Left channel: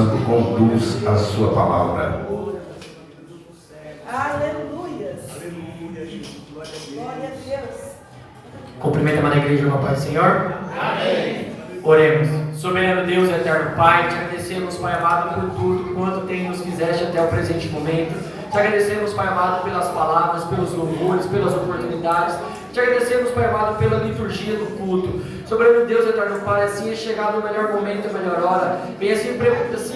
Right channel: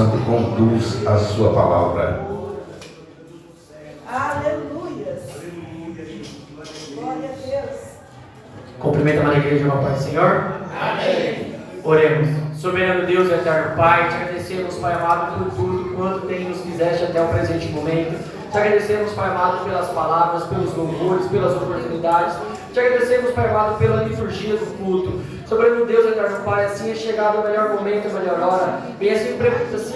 Santo conduz a sua palavra. Aleluia. Glória a Deus. Cumprimenta a igreja, irmão, Pai do Senhor. Amém. Oremos. Soberano Deus e eterno Pai, te agradecemos, Pai amado, por tudo quanto tem nos fizeste até o presente momento. Te agradecemos, Pai amado, pelas palavras, pelos louvores, pelas oportunidades. Te agradecemos, Pai amado, pela liturgia do culto. Soberano Deus, eterno Pai, assim é chegado o melhor momento, a melhor hora. Vem assim,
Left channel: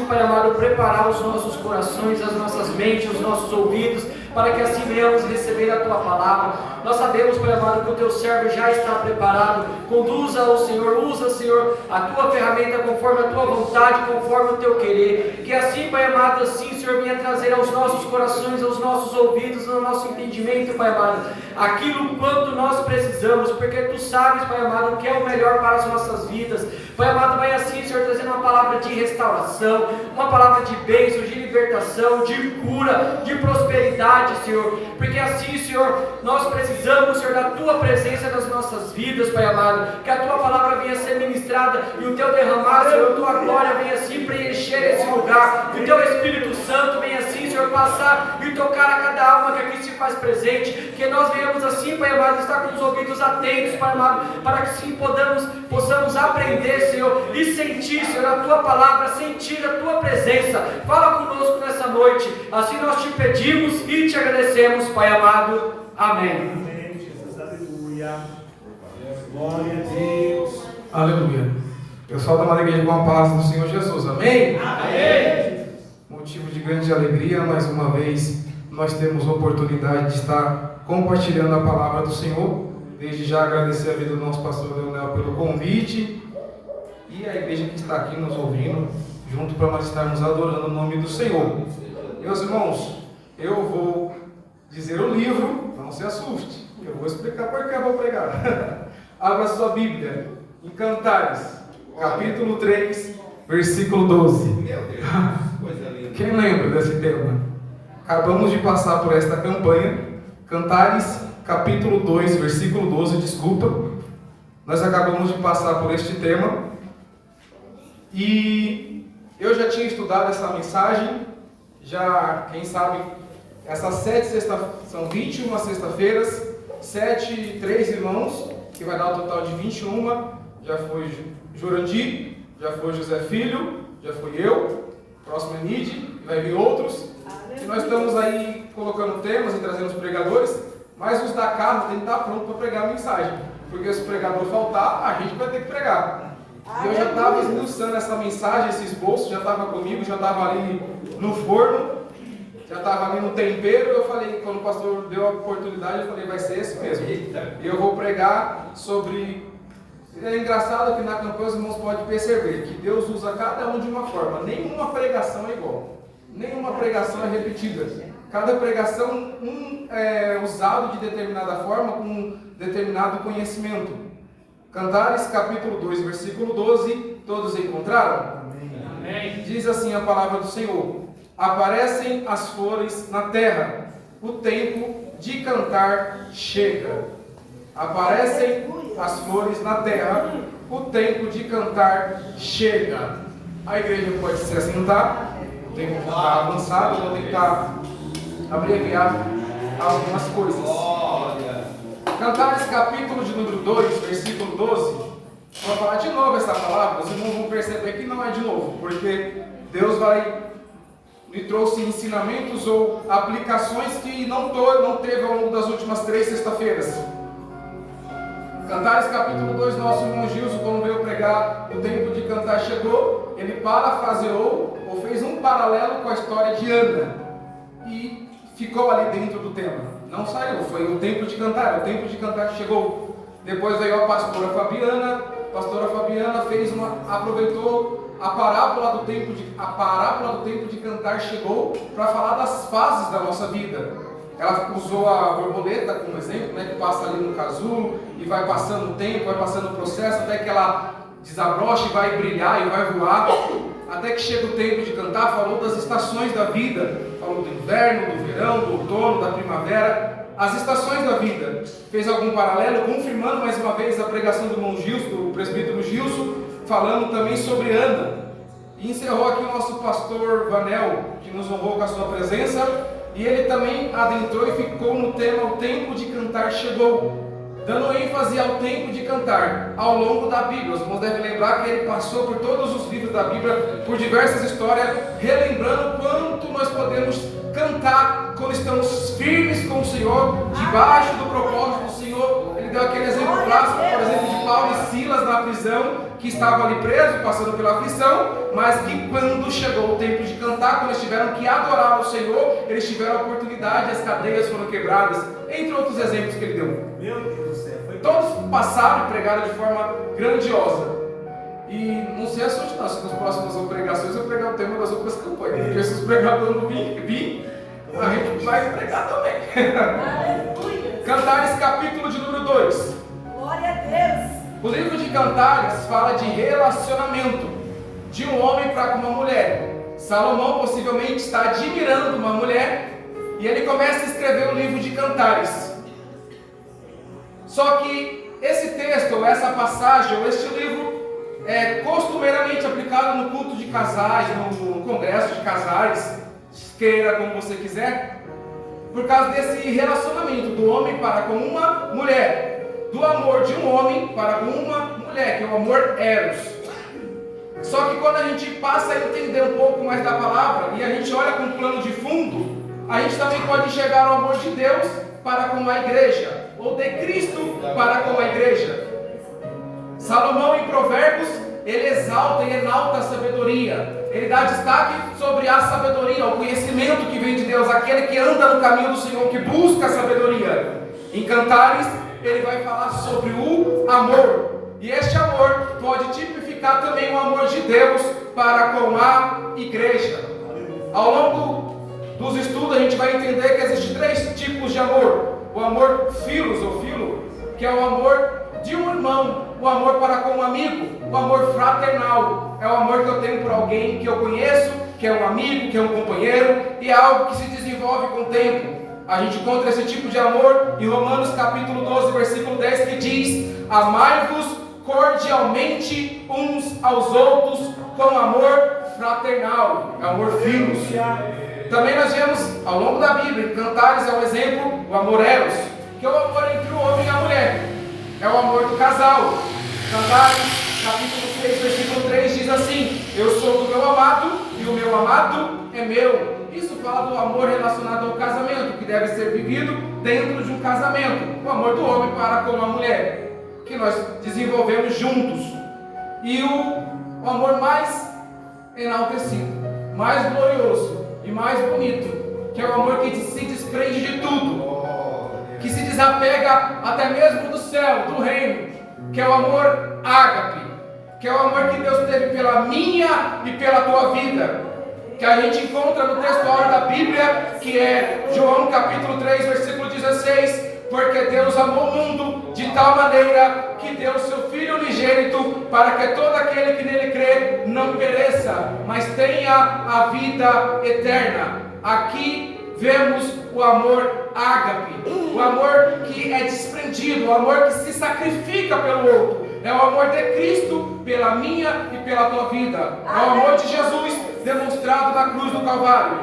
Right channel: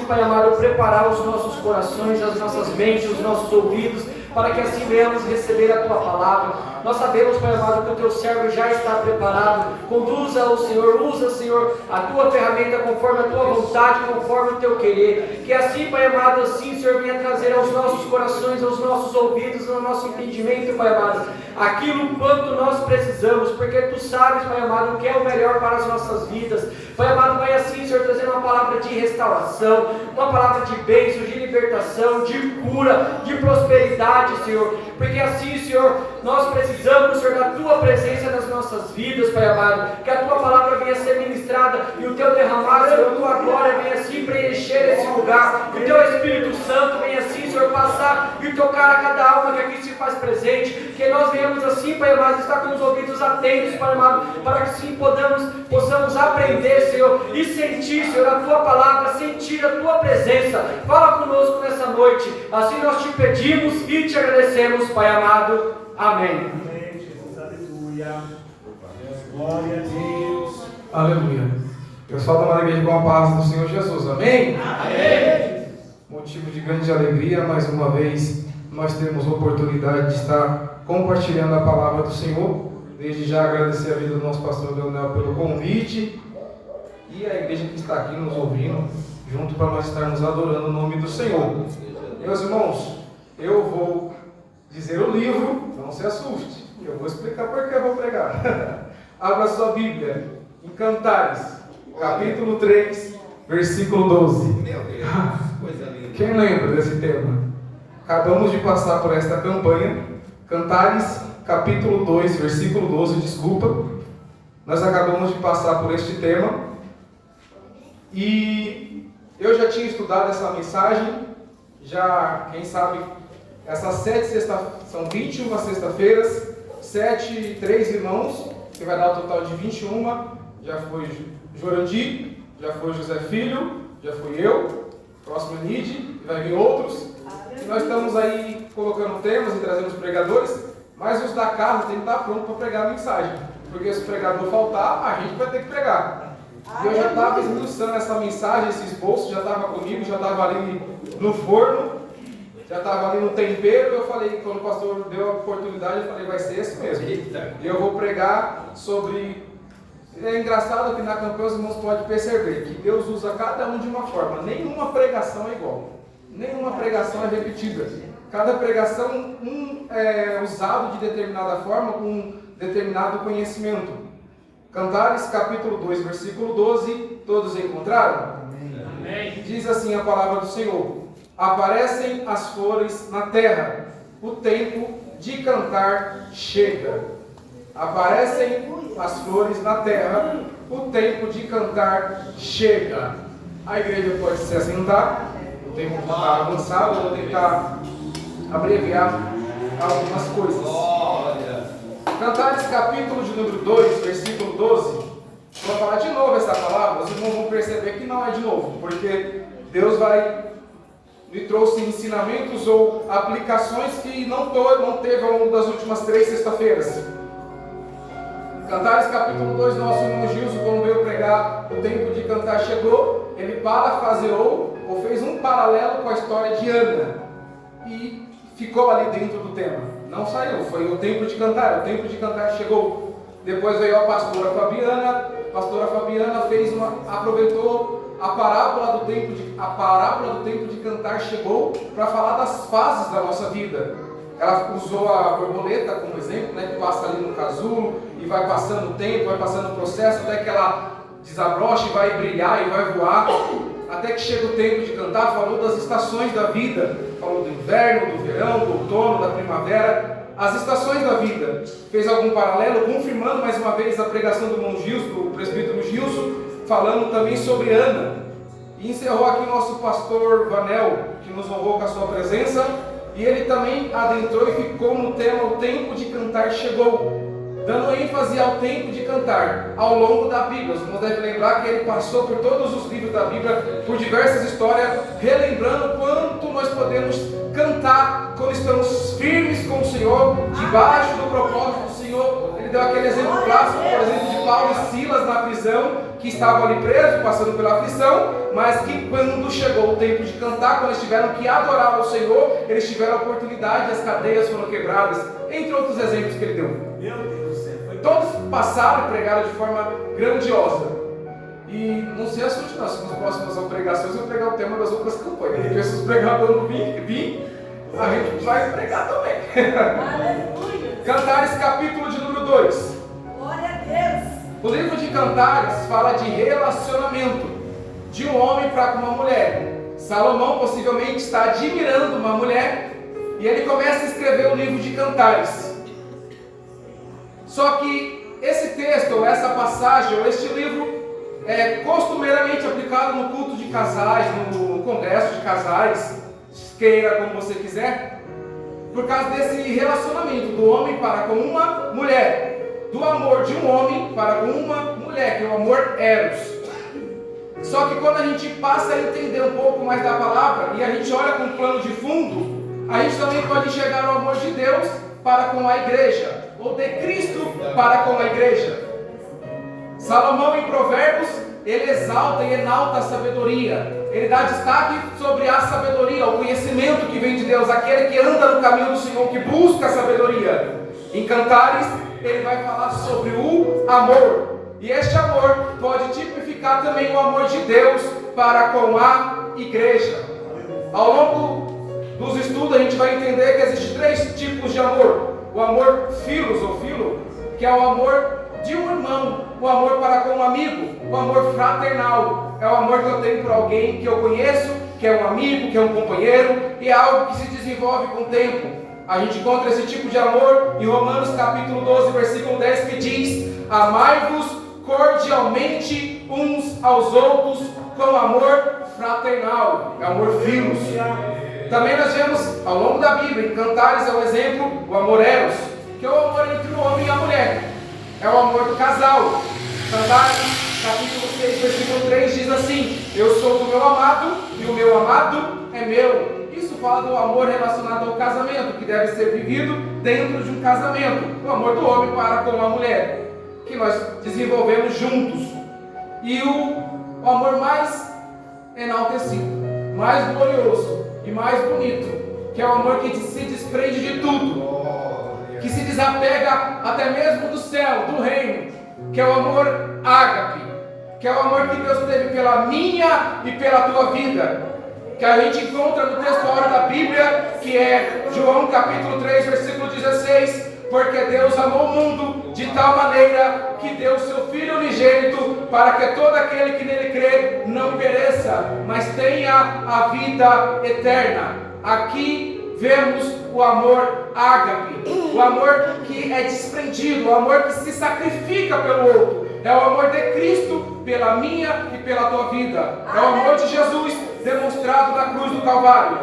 Pai amado, preparar os nossos corações, as nossas mentes, os nossos ouvidos, para que assim venhamos receber a Tua palavra. Nós sabemos, Pai amado, que o Teu servo já está preparado. Conduza-o, Senhor, usa, Senhor, a Tua ferramenta conforme a Tua vontade, conforme o Teu querer. Que assim, Pai amado, assim, Senhor, venha trazer aos nossos corações, aos nossos ouvidos, ao nosso entendimento, Pai amado, aquilo quanto nós precisamos, porque Tu sabes, Pai amado, o que é o melhor para as nossas vidas. Pai amado, vai assim, Senhor, trazendo uma palavra de restauração, uma palavra de bênção, de libertação, de cura, de prosperidade, Senhor, porque assim, Senhor, nós precisamos, Senhor, da Tua presença nas nossas vidas, Pai amado, que a Tua palavra venha ser ministrada e o Teu derramar, Senhor, a Tua glória venha assim preencher esse lugar, que o Teu Espírito Santo venha assim, Senhor, passar e tocar a cada alma que aqui se faz presente, que nós venhamos assim, Pai amado, estar com os ouvidos atentos, Pai amado, para que sim possamos aprender, Senhor, e sentir, Senhor, a Tua palavra, sentir a Tua presença. Fala conosco nessa noite, assim nós te pedimos e te agradecemos, Pai amado. Amém. Amém, Jesus, aleluia. Glória a Deus. Aleluia. Eu saúdo a igreja com a paz do Senhor Jesus. Amém? Amém. Motivo de grande alegria, mais uma vez, nós temos a oportunidade de estar compartilhando a palavra do Senhor. Desde já agradecer a vida do nosso pastor Leonel pelo convite e a igreja que está aqui nos ouvindo, junto para nós estarmos adorando o nome do Senhor. Meus irmãos, eu vou dizer o livro, não se assuste, eu vou explicar por que eu vou pregar. Abra sua Bíblia em Cantares, capítulo 3, versículo 12. Meu Deus, coisa linda. Quem lembra desse tema? Acabamos de passar por esta campanha, Cantares, capítulo 2, versículo 12, desculpa. Nós acabamos de passar por este tema. E eu já tinha estudado essa mensagem, já, quem sabe, essas 7 sexta-feiras, são 21 sexta-feiras, 7, 3 irmãos, que vai dar o total de 21, já foi Jorandir, já foi José Filho, já fui eu, próximo é Nide, vai vir outros, e nós estamos aí colocando temas e trazendo os pregadores, mas os da casa tem que estar pronto para pregar a mensagem, porque se o pregador faltar, a gente vai ter que pregar. E eu já estava esmiuçando essa mensagem, esse esboço, já estava comigo, já estava ali no forno, já estava ali no tempero. Eu falei, quando o pastor deu a oportunidade, eu falei, vai ser isso mesmo. E eu vou pregar sobre... É engraçado que na campanha os irmãos podem perceber que Deus usa cada um de uma forma. Nenhuma pregação é igual. Nenhuma pregação é repetida. Cada pregação é usado de determinada forma, com um determinado conhecimento. Cantares, capítulo 2, versículo 12, todos encontraram? Amém. Diz assim a palavra do Senhor: aparecem as flores na terra, o tempo de cantar chega. Aparecem as flores na terra, o tempo de cantar chega. A igreja pode se assentar, o tempo está avançado, eu vou tentar abreviar algumas coisas. Cantares, capítulo de número 2, versículo 12. Vou falar de novo essa palavra, os irmãos vão perceber que não é de novo, porque Deus me trouxe ensinamentos ou aplicações que não teve ao longo das últimas 3 sexta-feiras. Cantares, capítulo 2, nosso irmão Gilson, quando veio pregar o tempo de cantar chegou, ele parafraseou ou fez um paralelo com a história de Ana e ficou ali dentro do tema. Não saiu, foi o tempo de cantar chegou. Depois veio a pastora Fabiana aproveitou a parábola do tempo de cantar chegou para falar das fases da nossa vida. Ela usou a borboleta como exemplo, né, que passa ali no casulo e vai passando o tempo, vai passando o processo até que ela desabrocha e vai brilhar e vai voar, até que chega o tempo de cantar. Falou das estações da vida, falou do inverno, do verão, do outono, da primavera, as estações da vida. Fez algum paralelo, confirmando mais uma vez a pregação do irmão Gilson, do presbítero Gilson, falando também sobre Ana. E encerrou aqui o nosso pastor Vanel, que nos honrou com a sua presença, e ele também adentrou e ficou no tema O Tempo de Cantar Chegou, dando ênfase ao tempo de cantar ao longo da Bíblia. Os irmãos devem lembrar que ele passou por todos os livros da Bíblia, por diversas histórias, relembrando quanto nós podemos cantar quando estamos firmes com o Senhor, debaixo do propósito do Senhor. Ele deu aquele exemplo clássico, por exemplo, de Paulo e Silas na prisão, que estavam ali presos, passando pela aflição, mas que quando chegou o tempo de cantar, quando eles tiveram que adorar o Senhor, eles tiveram a oportunidade, as cadeias foram quebradas, entre outros exemplos que ele deu. Meu Deus do céu. Todos passaram e pregaram de forma grandiosa. E não se assuste não, se nas próximas pregações eu pregar o tema das outras campanhas. Porque se os pregadores não vir, a gente vai pregar também. Aleluia. Cantares, capítulo de número 2. Glória a Deus. O livro de Cantares fala de relacionamento de um homem para com uma mulher. Salomão possivelmente está admirando uma mulher e ele começa a escrever o livro de Cantares. Só que esse texto, ou essa passagem, ou este livro é costumeiramente aplicado no culto de casais, no congresso de casais, queira como você quiser, por causa desse relacionamento do homem para com uma mulher, do amor de um homem para com uma mulher, que é o amor eros. Só que quando a gente passa a entender um pouco mais da palavra e a gente olha com um plano de fundo, a gente também pode enxergar o amor de Deus para com a igreja, ou de Cristo para com a igreja. Salomão, em Provérbios, ele exalta e enalta a sabedoria. Ele dá destaque sobre a sabedoria, o conhecimento que vem de Deus, aquele que anda no caminho do Senhor, que busca a sabedoria. Em Cantares, ele vai falar sobre o amor. E este amor pode tipificar também o amor de Deus para com a igreja. Ao longo dos estudos, a gente vai entender que existem 3 tipos de amor. O amor filos ou filo, que é o amor de um irmão, o amor para com um amigo, o amor fraternal, é o amor que eu tenho por alguém que eu conheço, que é um amigo, que é um companheiro, e é algo que se desenvolve com o tempo. A gente encontra esse tipo de amor em Romanos capítulo 12, versículo 10, que diz: amai-vos cordialmente uns aos outros com amor fraternal, é o amor filos. Também nós vemos ao longo da Bíblia, em Cantares é o exemplo, o amor eros, que é o amor entre o homem e a mulher, é o amor do casal. Cantares, capítulo 6, versículo 3 diz assim: eu sou do meu amado e o meu amado é meu. Isso fala do amor relacionado ao casamento, que deve ser vivido dentro de um casamento, o amor do homem para com a mulher, que nós desenvolvemos juntos. E o amor mais enaltecido, mais glorioso e mais bonito, que é o amor que se desprende de tudo, que se desapega até mesmo do céu, do reino, que é o amor ágape, que é o amor que Deus teve pela minha e pela tua vida, que a gente encontra no texto áureo da Bíblia, que é João capítulo 3, versículo 16, porque Deus amou o mundo de tal maneira que deu o seu Filho unigênito, para que todo aquele que nele crê não pereça, mas tenha a vida eterna. Aqui vemos o amor ágape, o amor que é desprendido, o amor que se sacrifica pelo outro. É o amor de Cristo pela minha e pela tua vida. É o amor de Jesus demonstrado na cruz do Calvário.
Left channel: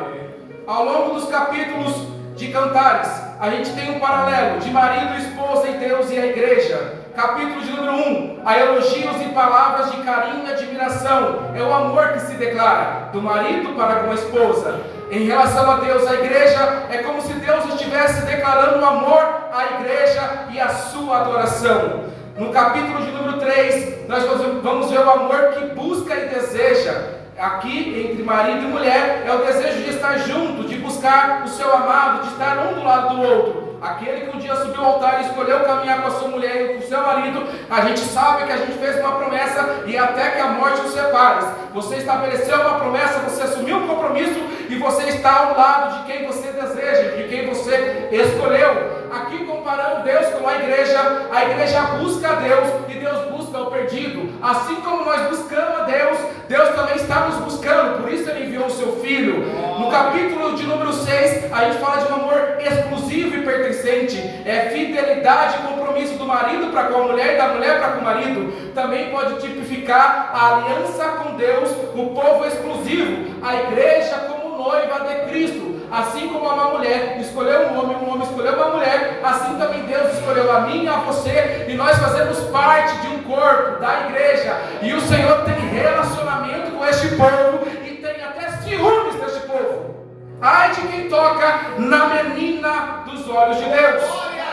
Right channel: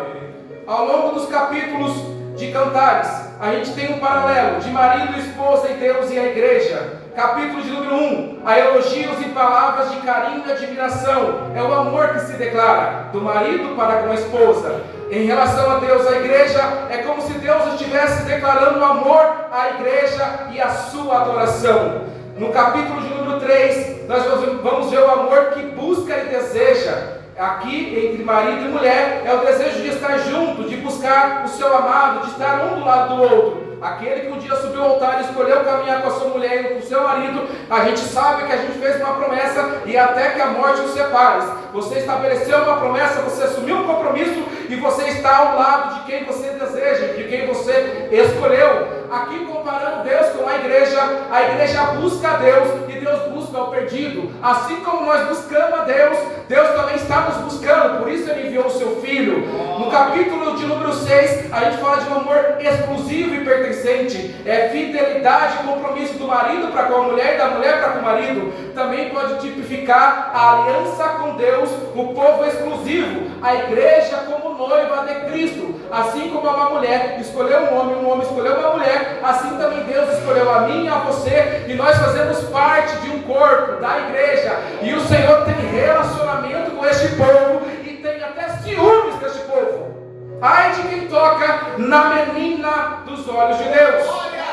Ao longo dos capítulos de Cantares, a gente tem um paralelo de marido, esposa e Deus e a igreja. Capítulo de número 1, há elogios e palavras de carinho e admiração. É o amor que se declara do marido para com a esposa. Em relação a Deus, a igreja, é como se Deus estivesse declarando o amor à igreja e a sua adoração. No capítulo de número 3, nós vamos ver o amor que busca e deseja. Aqui, entre marido e mulher, é o desejo de estar junto, de buscar o seu amado, de estar um do lado do outro. Aquele que um dia subiu ao altar e escolheu caminhar com a sua mulher e com o seu marido, a gente sabe que a gente fez uma promessa e até que a morte os separe. Você estabeleceu uma promessa, você assumiu um compromisso e você está ao lado de quem você deseja, de quem você escolheu. Aqui, comparando Deus com a igreja busca a Deus e Deus busca o perdido. Assim como nós buscamos a Deus, Deus também está nos buscando, por isso Ele enviou o seu Filho. No capítulo de número 6, a gente fala de um amor exclusivo exclusivo e pertencente. É fidelidade e compromisso do marido para com a mulher e da mulher para com o marido. Também pode tipificar a aliança com Deus, o povo exclusivo, a igreja como noiva de Cristo. Assim como uma mulher escolheu um homem escolheu uma mulher, assim também Deus escolheu a mim e a você, e nós fazemos parte de um corpo, da igreja, e o Senhor tem relacionamento com este povo, e tem até ciúmes deste povo. Ai de quem toca na menina dos olhos de Deus. Glória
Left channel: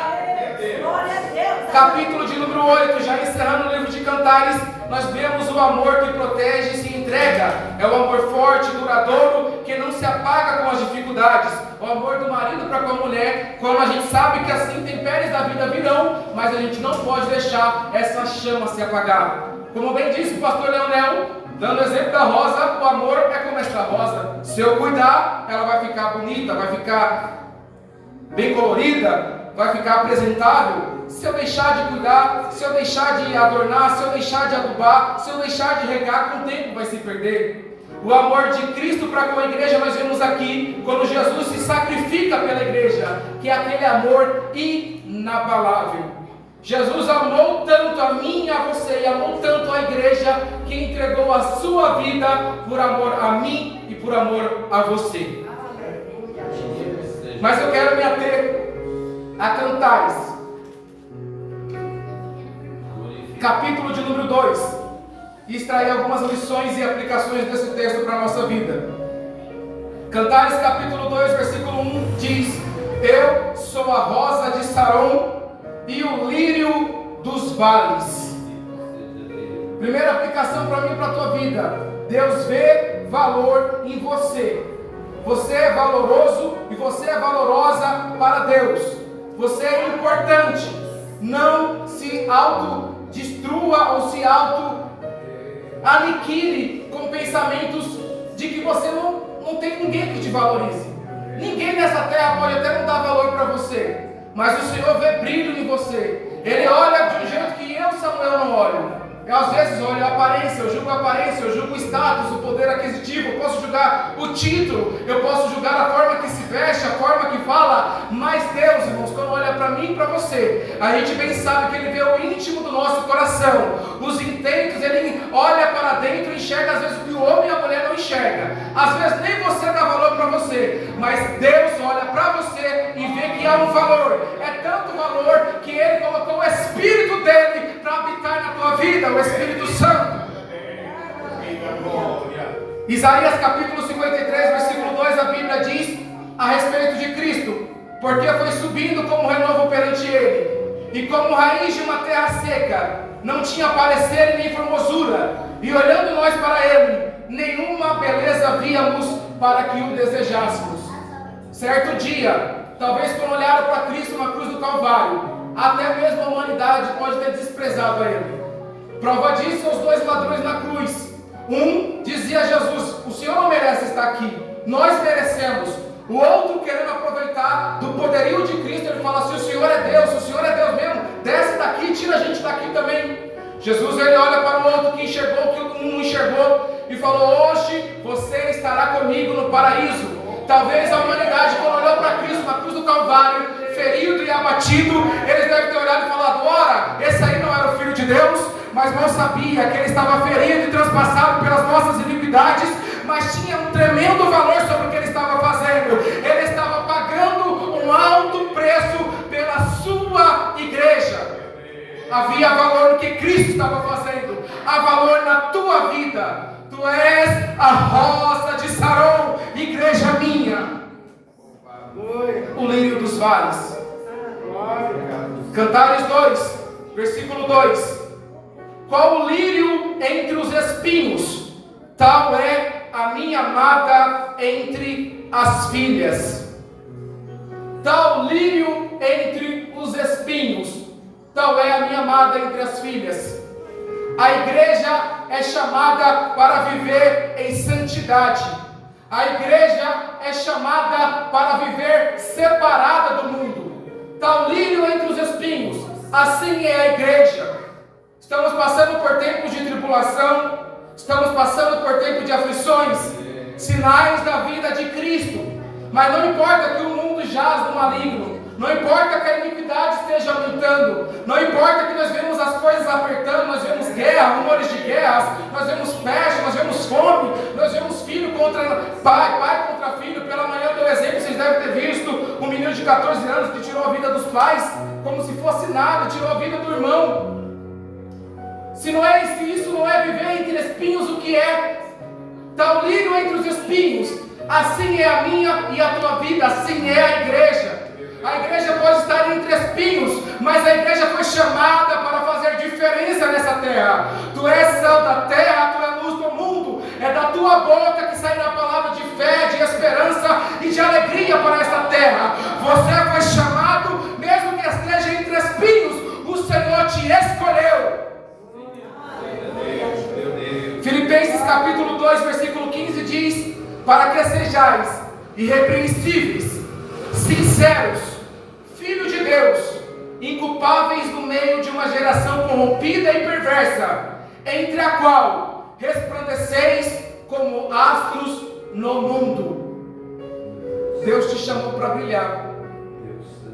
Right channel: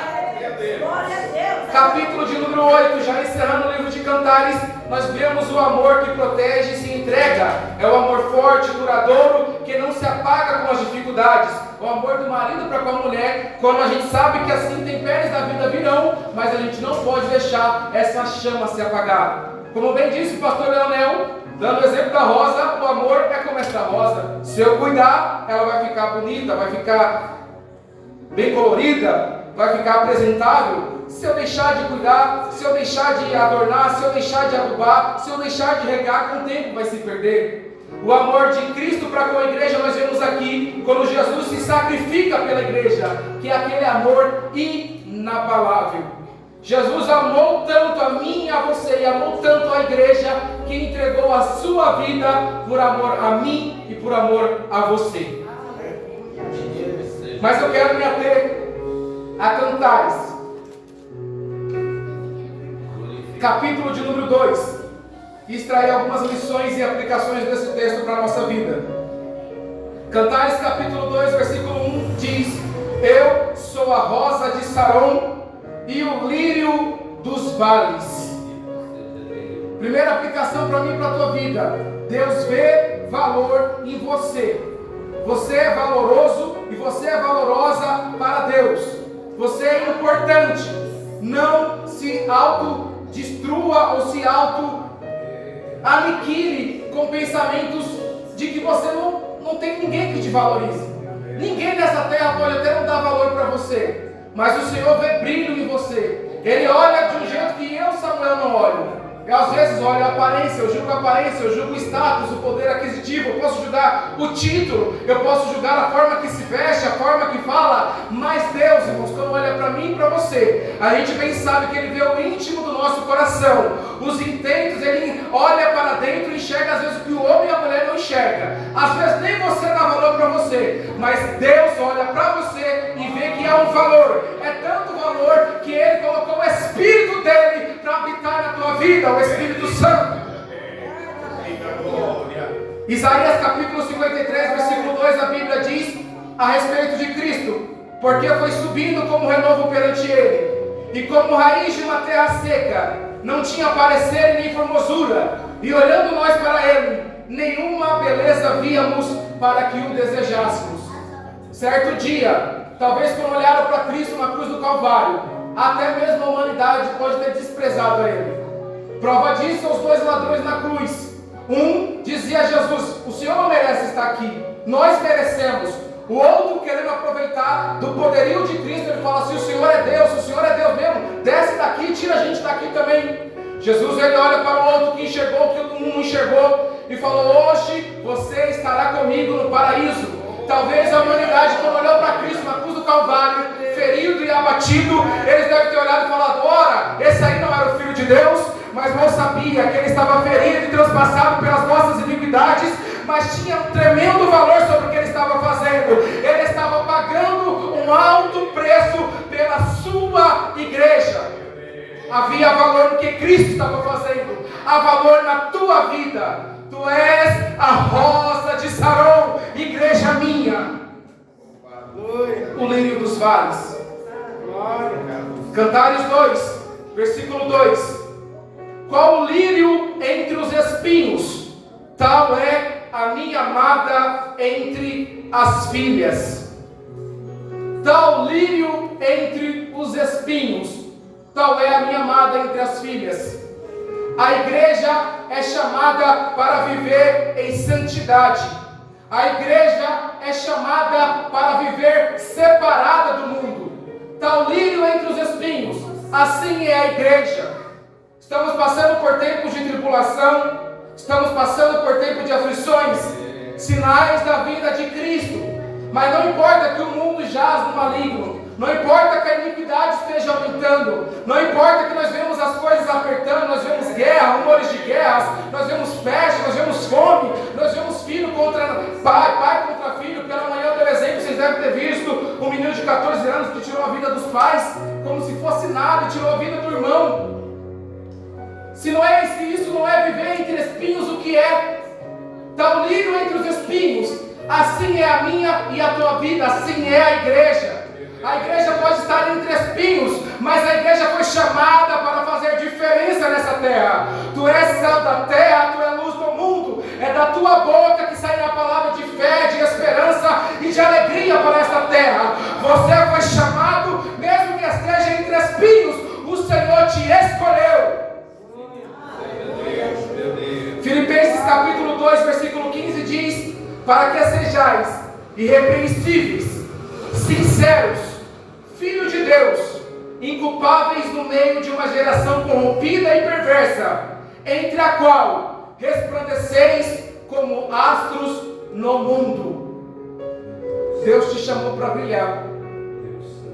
a Deus. Capítulo de número 8, já encerrando o livro de Cantares, nós vemos o amor que protege e se entrega. É o amor forte, duradouro, que não se apaga com as dificuldades. O amor do marido para com a mulher, quando a gente sabe que as intempéries da vida virão, mas a gente não pode deixar essa chama se apagar. Como bem disse o pastor Leonel, dando o exemplo da rosa, o amor é como esta rosa. Se eu cuidar, ela vai ficar bonita, vai ficar bem colorida, vai ficar apresentável. Se eu deixar de cuidar, se eu deixar de adornar, se eu deixar de adubar, se eu deixar de regar, com o tempo vai se perder. O amor de Cristo para com a igreja nós vemos aqui, quando Jesus se sacrifica pela igreja, que é aquele amor inabalável. Jesus amou tanto a mim e a você, e amou tanto a igreja, que entregou a sua vida por amor a mim e por amor a você. Mas eu quero me ater a Cantares, capítulo de número 2, e extrair algumas lições e aplicações desse texto para a nossa vida. Cantares capítulo 2, versículo 1 diz: Eu sou a rosa de Saron e o lírio dos vales. Primeira aplicação para mim e para a tua vida: Deus vê valor em você. Você é valoroso e você é valorosa para Deus. Você é importante. Não se autodestrua ou se aniquile com pensamentos de que você não tem ninguém que te valorize. Ninguém nessa terra pode até não dar valor para você, mas o Senhor vê brilho em você. Ele olha de um jeito que eu, Samuel, não olho. Eu às vezes olho a aparência, eu julgo o status, o poder aquisitivo, eu posso julgar o título, eu posso julgar a forma que se veste, a forma que fala, mas Deus, irmãos, quando olha para mim e para você, a gente bem sabe que Ele vê o íntimo do nosso coração, os intentos. Ele olha para dentro e enxerga às vezes o que o homem e a mulher não enxerga. Às vezes nem você dá valor para você, mas Deus olha para você e vê que há um valor. É tanto valor que Ele colocou o Espírito dele para habitar na tua vida, o Espírito Santo. Isaías capítulo 53, versículo 2, a Bíblia diz a respeito de Cristo: porque foi subindo como renovo perante Ele, e como raiz de uma terra seca, não tinha parecer e nem formosura, e olhando nós para Ele, nenhuma beleza víamos para que o desejássemos. Certo dia, talvez quando olharam para Cristo na cruz do Calvário, até mesmo a humanidade pode ter desprezado a Ele. Prova disso são os dois ladrões na cruz. Um dizia a Jesus: o Senhor não merece estar aqui, nós merecemos. O outro, querendo aproveitar do poderio de Cristo, ele fala assim: o Senhor é Deus mesmo, desce daqui e tira a gente daqui também. Jesus, ele olha para o outro que enxergou o que o um enxergou e falou: hoje você estará comigo no paraíso. Talvez a humanidade, quando olhou para Cristo na cruz do Calvário, ferido e abatido, eles devem ter olhado e falado: ora, esse aí não era o Filho de Deus, mas não sabia que ele estava ferido e transpassado pelas nossas iniquidades, mas tinha um tremendo valor sobre o que ele estava fazendo. Ele estava pagando um alto preço pela sua igreja. Havia valor no que Cristo estava fazendo. Há valor na tua vida. Tu és a rosa de Saron, igreja minha, o lírio dos vales. Cantares 2, versículo 2: qual o lírio entre os espinhos, tal é a minha amada entre as filhas. Tal lírio entre os espinhos, tal é a minha amada entre as filhas. A igreja é chamada para viver em santidade. A igreja é chamada para viver separada do mundo. Tal lírio entre os espinhos, assim é a igreja. Estamos passando por tempos de tribulação, estamos passando por tempos de aflições, sinais da vida de Cristo. Mas não importa que o mundo jaz no maligno, Não importa que a iniquidade esteja aumentando, não importa que nós vemos as coisas apertando, nós vemos guerra, rumores de guerras, nós vemos peste, nós vemos fome, nós vemos filho contra pai, pai contra filho. Pela manhã do exemplo, vocês devem ter visto um menino de 14 anos que tirou a vida dos pais, como se fosse nada, tirou a vida do irmão. Se isso não é viver entre espinhos, o que é? Está o lírio entre os espinhos. Assim é a minha e a tua vida, assim é a igreja. A igreja pode estar entre espinhos, mas a igreja foi chamada para fazer diferença nessa terra. Tu és sal da terra, tu és luz do mundo. É da tua boca que sairá a palavra de fé, de esperança e de alegria para esta terra. Você foi chamado, mesmo que esteja entre espinhos, o Senhor te escolheu. Filipenses capítulo 2, versículo 15 diz: para que sejais irrepreensíveis, sinceros, filhos de Deus, inculpáveis no meio de uma geração corrompida e perversa, entre a qual resplandeceis como astros no mundo. Deus te chamou para brilhar.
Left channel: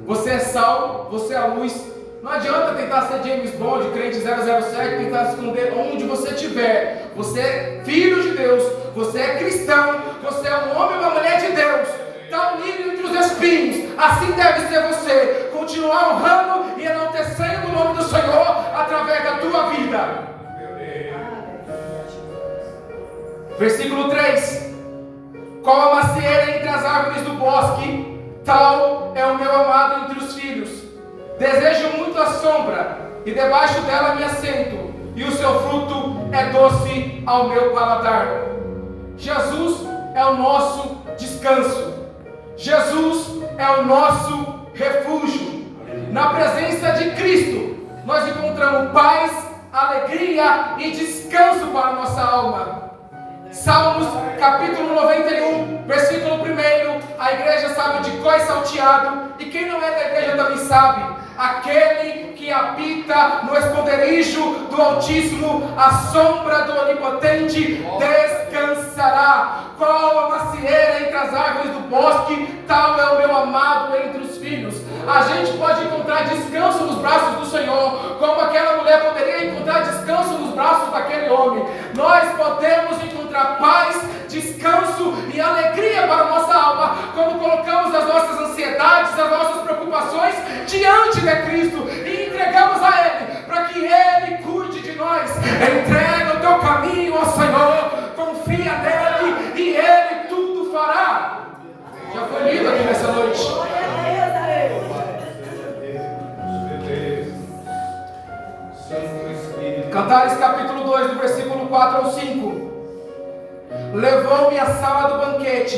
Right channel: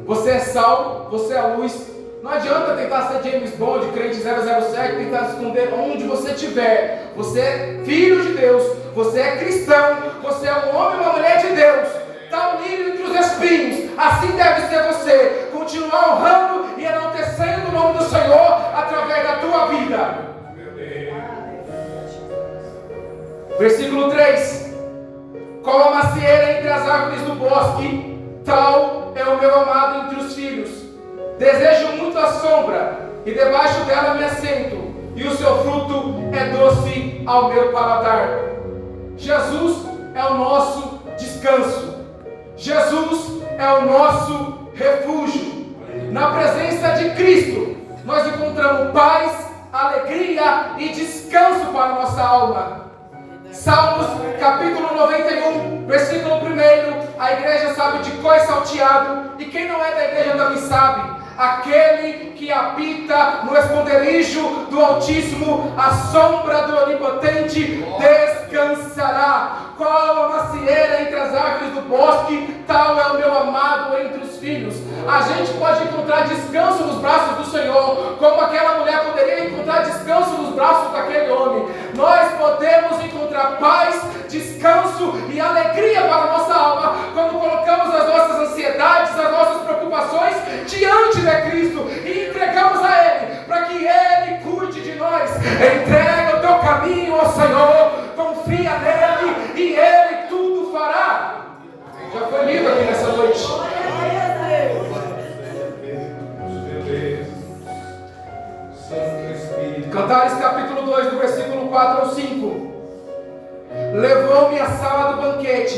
Você é sal, você é a luz. Não adianta tentar ser James Bond, crente 007, tentar esconder onde você estiver. Você é filho de Deus, você é cristão, você é um homem e uma mulher de Deus. Está unido entre os espinhos. Assim deve ser você. Continuar honrando e enaltecendo o nome do Senhor através da tua vida. Versículo 3: qual a macieira entre as árvores do bosque, tal é o meu amado entre os filhos. Desejo muito a sombra, e debaixo dela me assento, e o seu fruto é doce ao meu paladar. Jesus é o nosso descanso. Jesus é o nosso refúgio. Na presença de Cristo, nós encontramos paz, alegria e descanso para a nossa alma. Salmos capítulo 91, versículo 1. A igreja sabe de cor e salteado, e quem não é da igreja também sabe. Aquele que habita no esconderijo do Altíssimo, a sombra do Onipotente descansará. Qual a macieira entre as árvores do bosque, tal é o meu amado entre os filhos. A gente pode encontrar descanso nos braços do Senhor, como aquela mulher poderia encontrar descanso nos braços daquele homem. Nós podemos encontrar paz, descanso e alegria para a nossa alma quando colocamos as nossas ansiedades, as nossas preocupações diante de Cristo e entregamos a Ele, para que Ele cuide de nós. Entrega o teu caminho ao Senhor, confia nele e Ele tudo fará. Já foi lido aqui nessa noite. Cantares capítulo 2, do versículo 4 ao 5. Levou-me à sala do banquete,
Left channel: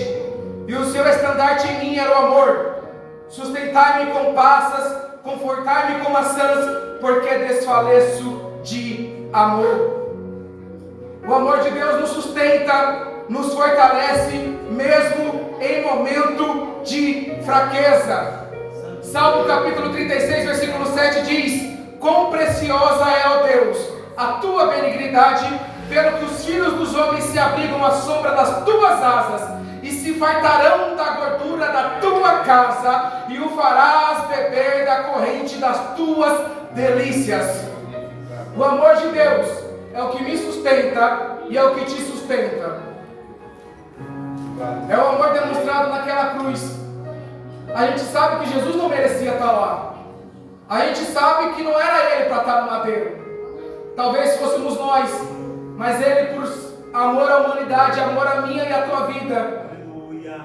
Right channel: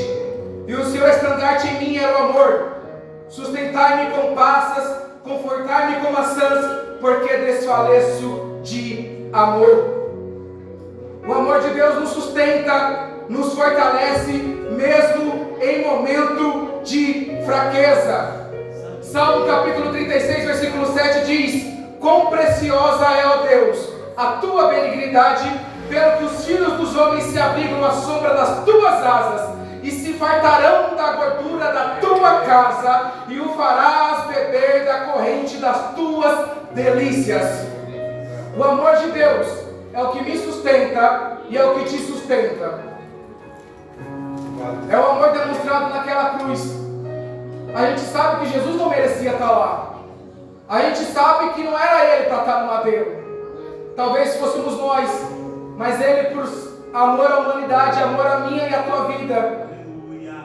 e o seu estandarte em mim era o amor. Sustentai-me com passas, confortai-me com maçãs, porque desfaleço de amor. O amor de Deus nos sustenta, nos fortalece, mesmo em momento de fraqueza. Salmo capítulo 36, versículo 7 diz: quão preciosa é, ó Deus, a tua benignidade, pelo que os filhos dos homens se abrigam à sombra das tuas asas, e se fartarão da gordura da tua casa, e o farás beber da corrente das tuas delícias. O amor de Deus é o que me sustenta e é o que te sustenta. É o amor demonstrado naquela cruz. A gente sabe que Jesus não merecia estar lá. A gente sabe que não era Ele para estar no madeiro. Talvez fôssemos nós, mas Ele, por amor à humanidade, amor à minha e à tua vida,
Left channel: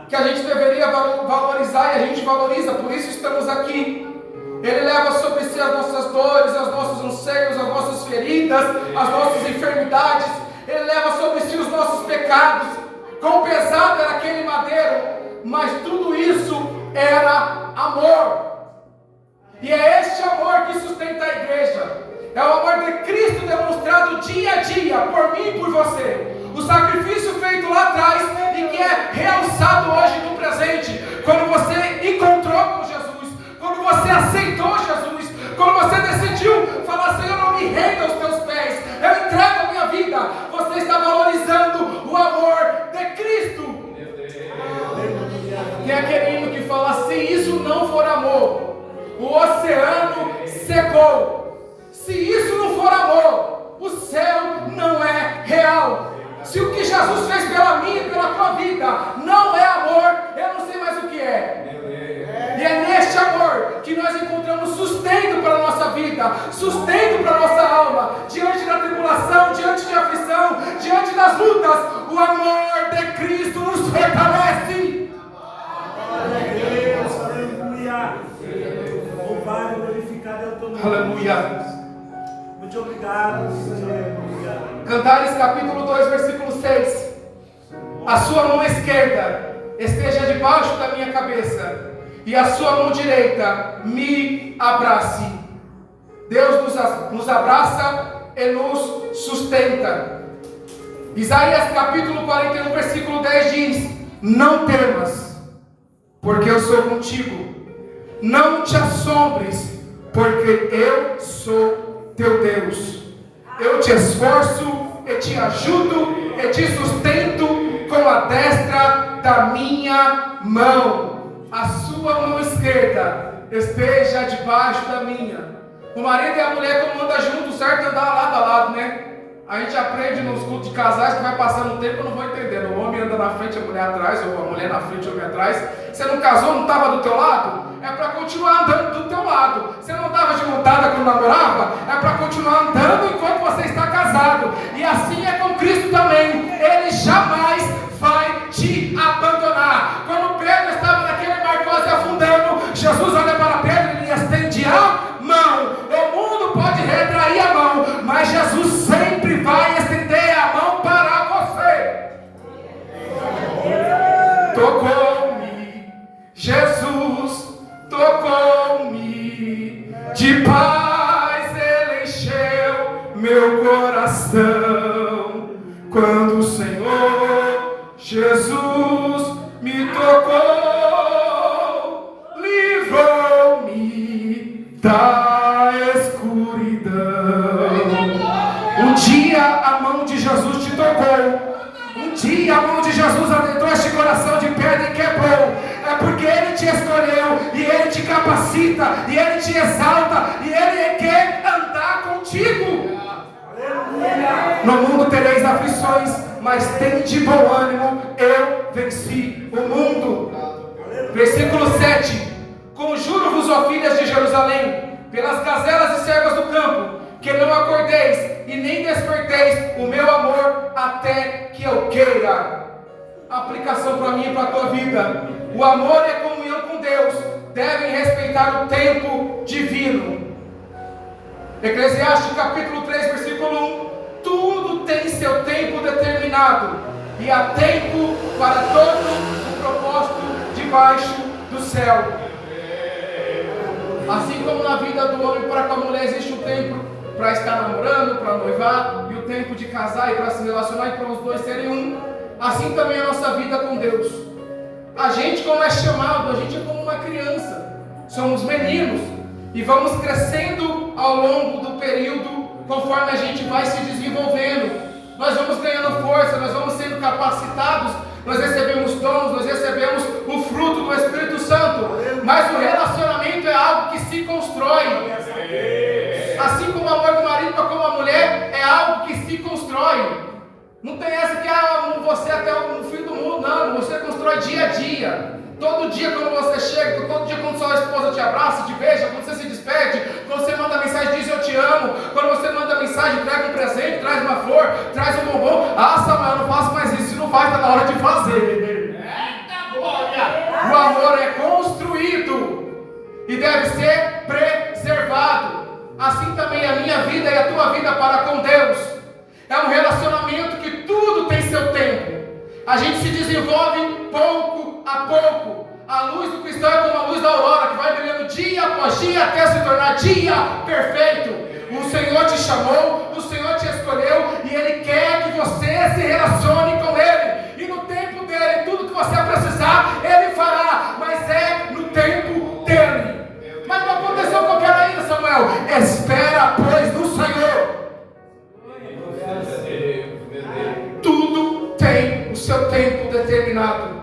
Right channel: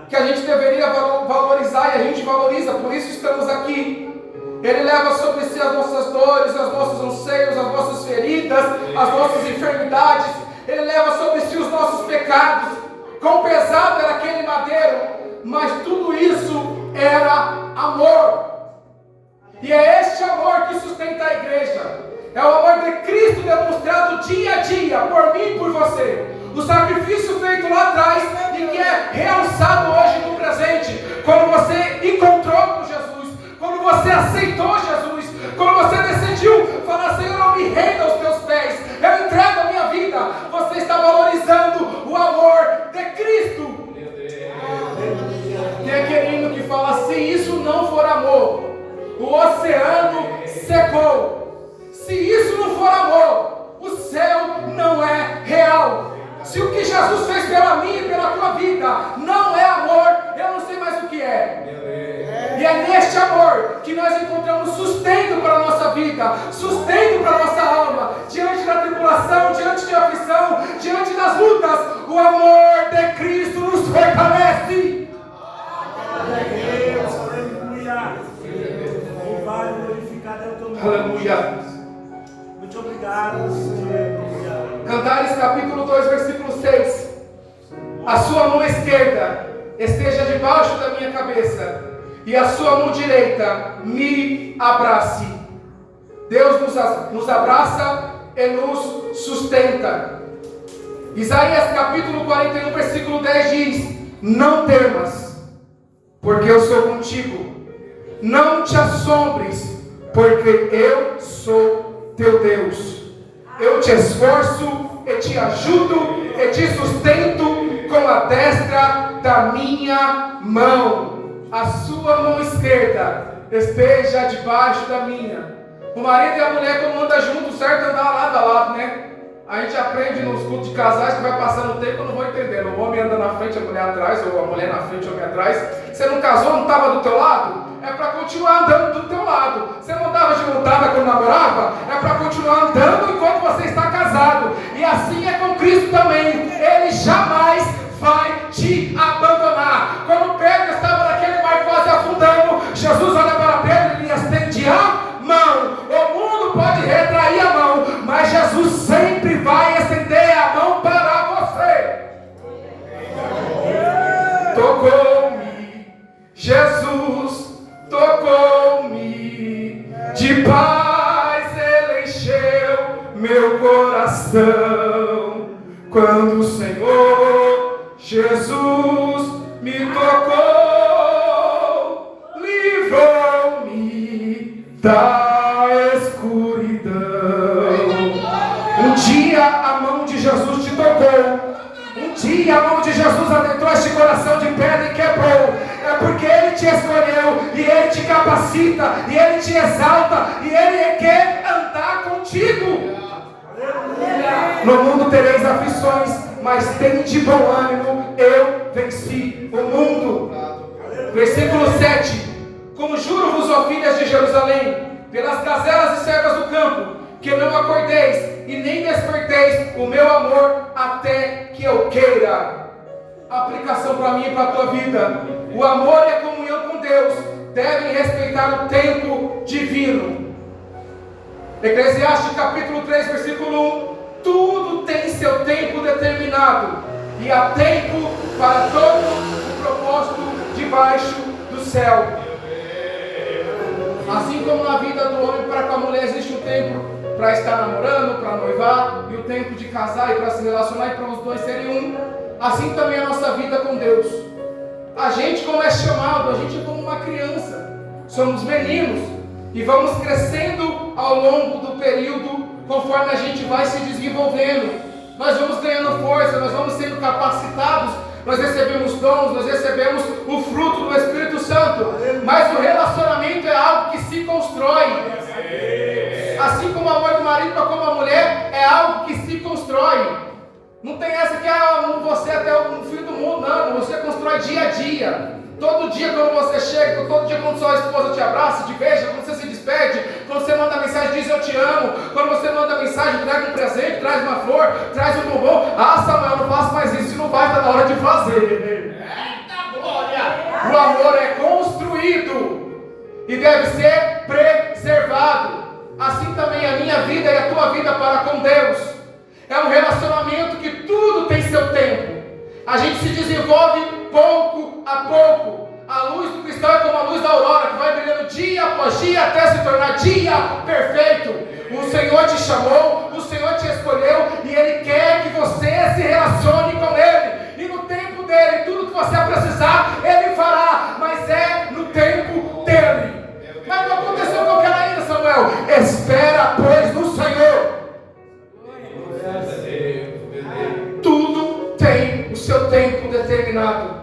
que a gente deveria valorizar, e a gente valoriza, por isso estamos aqui. Ele leva sobre si as nossas dores, os nossos anseios, as nossas feridas, as nossas enfermidades. Ele leva sobre si os nossos pecados. Quão pesado era aquele madeiro, mas tudo isso era amor. E é este amor que sustenta a igreja. É o amor de Cristo demonstrado dia a dia, por mim e por você. O sacrifício feito lá atrás e que é realçado hoje no presente. Quando você encontrou com Jesus, quando você aceitou Jesus, quando você decidiu falar: Senhor, eu me rendo aos teus pés, eu entrego a minha vida. Você está valorizando o amor de Cristo. Tem aquele hino que fala: se isso não for amor, o oceano secou. Se isso não for amor, o céu não é real. Se o que Jesus fez pela minha e pela tua vida não é amor, eu não sei mais o que é. E é neste amor que nós encontramos sustento para a nossa vida, sustento para a nossa alma, diante da tribulação, diante da aflição, diante das lutas. O amor de Cristo nos fortalece. Glória a Deus, aleluia. Louvado e glorificado é o teu nome. Aleluia. Muito obrigado, aleluia. Cantares capítulo 2, versículo 6. A sua mão esquerda esteja debaixo da minha cabeça, e a sua mão direita me abrace. Deus nos abraça e nos sustenta. Isaías capítulo 41, versículo 10 diz: não temas, porque eu sou contigo. Não te assombres, porque eu sou teu Deus. Eu te esforço e te ajudo e te sustento com a destra da minha mão. A sua mão esquerda esteja debaixo da minha. O marido e a mulher, quando andam juntos, certo? Andar lado a lado, né? A gente aprende nos cultos de casais que vai passando o tempo, eu não vou entendendo. O homem anda na frente, a mulher atrás, ou a mulher na frente, o homem atrás. Você não casou, não estava do teu lado? É para continuar andando do teu lado. Você não estava de montada quando namorava? É para continuar andando enquanto você está casado. E assim é com Cristo também. Ele jamais vai te abandonar. Quando Pedro estava naquele mar quase afundando, Jesus olha para Pedro e lhe estende a mão. O mundo pode retrair a mão, mas Jesus sempre vai estender a mão para você. Tocou-me, Jesus tocou-me, de paz ele encheu meu coração. Quando o Senhor Jesus me tocou, livrou-me da escuridão. Um dia a mão de Jesus te tocou. Um dia a mão de Jesus adentrou este coração de pedra e quebrou. É porque Ele te escolheu, e Ele te capacita, e Ele te exalta, e Ele quer andar contigo. No mundo tereis aflições, mas tende bom ânimo, eu venci o mundo. Versículo 7. Conjuro-vos, ó filhas de Jerusalém, pelas gazelas e servas do campo, que não acordeis e nem desperteis o meu amor até que eu queira. Aplicação para mim e para a tua vida. O amor e a comunhão com Deus devem respeitar o tempo divino. Eclesiastes capítulo 3, versículo 1. Tudo tem seu tempo determinado, e há tempo para todo o propósito debaixo do céu. Assim como na vida do homem para com a mulher existe um tempo para estar namorando, para noivar, e o tempo de casar e para se relacionar e para os dois serem um, assim também é a nossa vida com Deus. A gente, como é chamado, a gente é como uma criança, somos meninos e vamos crescendo ao longo do período. Conforme a gente vai se desenvolvendo, nós vamos ganhando força, nós vamos sendo capacitados, nós recebemos dons, nós recebemos o fruto do Espírito Santo. Mas o relacionamento é algo que se constrói. Assim como o amor do marido para com a mulher é algo que se constrói. Não tem essa que você é até o fim do mundo, não. Você constrói dia a dia. Todo dia quando você chega, todo dia quando sua esposa te abraça, te beija, quando você se despede, quando você manda mensagem, diz eu te amo. Quando você manda mensagem, traga um presente, traz uma flor, traz um bombom. Ah, Samuel, não faço mais isso, não vai, está na hora de fazer. Eita glória! O amor é construído e deve ser preservado. Assim também a minha vida e a tua vida para com Deus. É um relacionamento que tudo tem seu tempo. A gente se desenvolve pouco a pouco. A luz do cristão é como a luz da aurora, que vai brilhando dia após dia até se tornar dia perfeito. O Senhor te chamou, o Senhor te escolheu e Ele quer que você se relacione com Ele. E no tempo dEle, tudo que você precisar, Ele fará. Mas é no tempo dEle. Mas não aconteceu qualquer ainda, Samuel. Espera, pois, no Senhor. Tudo tem o seu tempo determinado.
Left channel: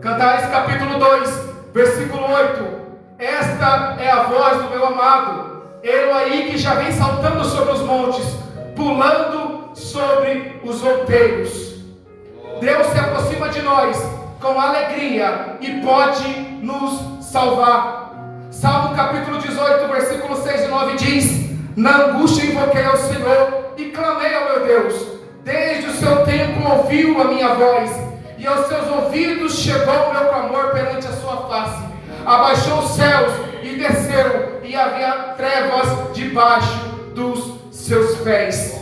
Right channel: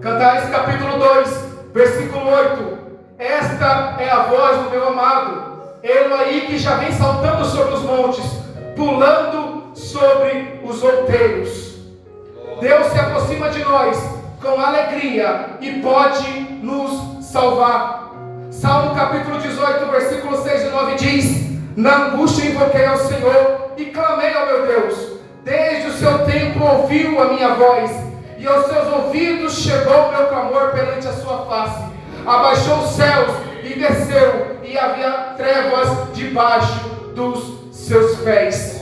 Cantares capítulo 2, versículo 8. esta é a voz do meu amado, ele aí que já vem saltando sobre os montes, pulando sobre os outeiros. Deus se aproxima de nós com alegria e pode nos salvar. Salmo capítulo 18, versículo 6 e 9 diz: na angústia invoquei ao Senhor e clamei ao meu Deus. Desde o seu tempo ouviu a minha voz, e aos seus ouvidos chegou o meu clamor perante a sua face. Abaixou os céus e desceu, e havia trevas debaixo dos seus pés.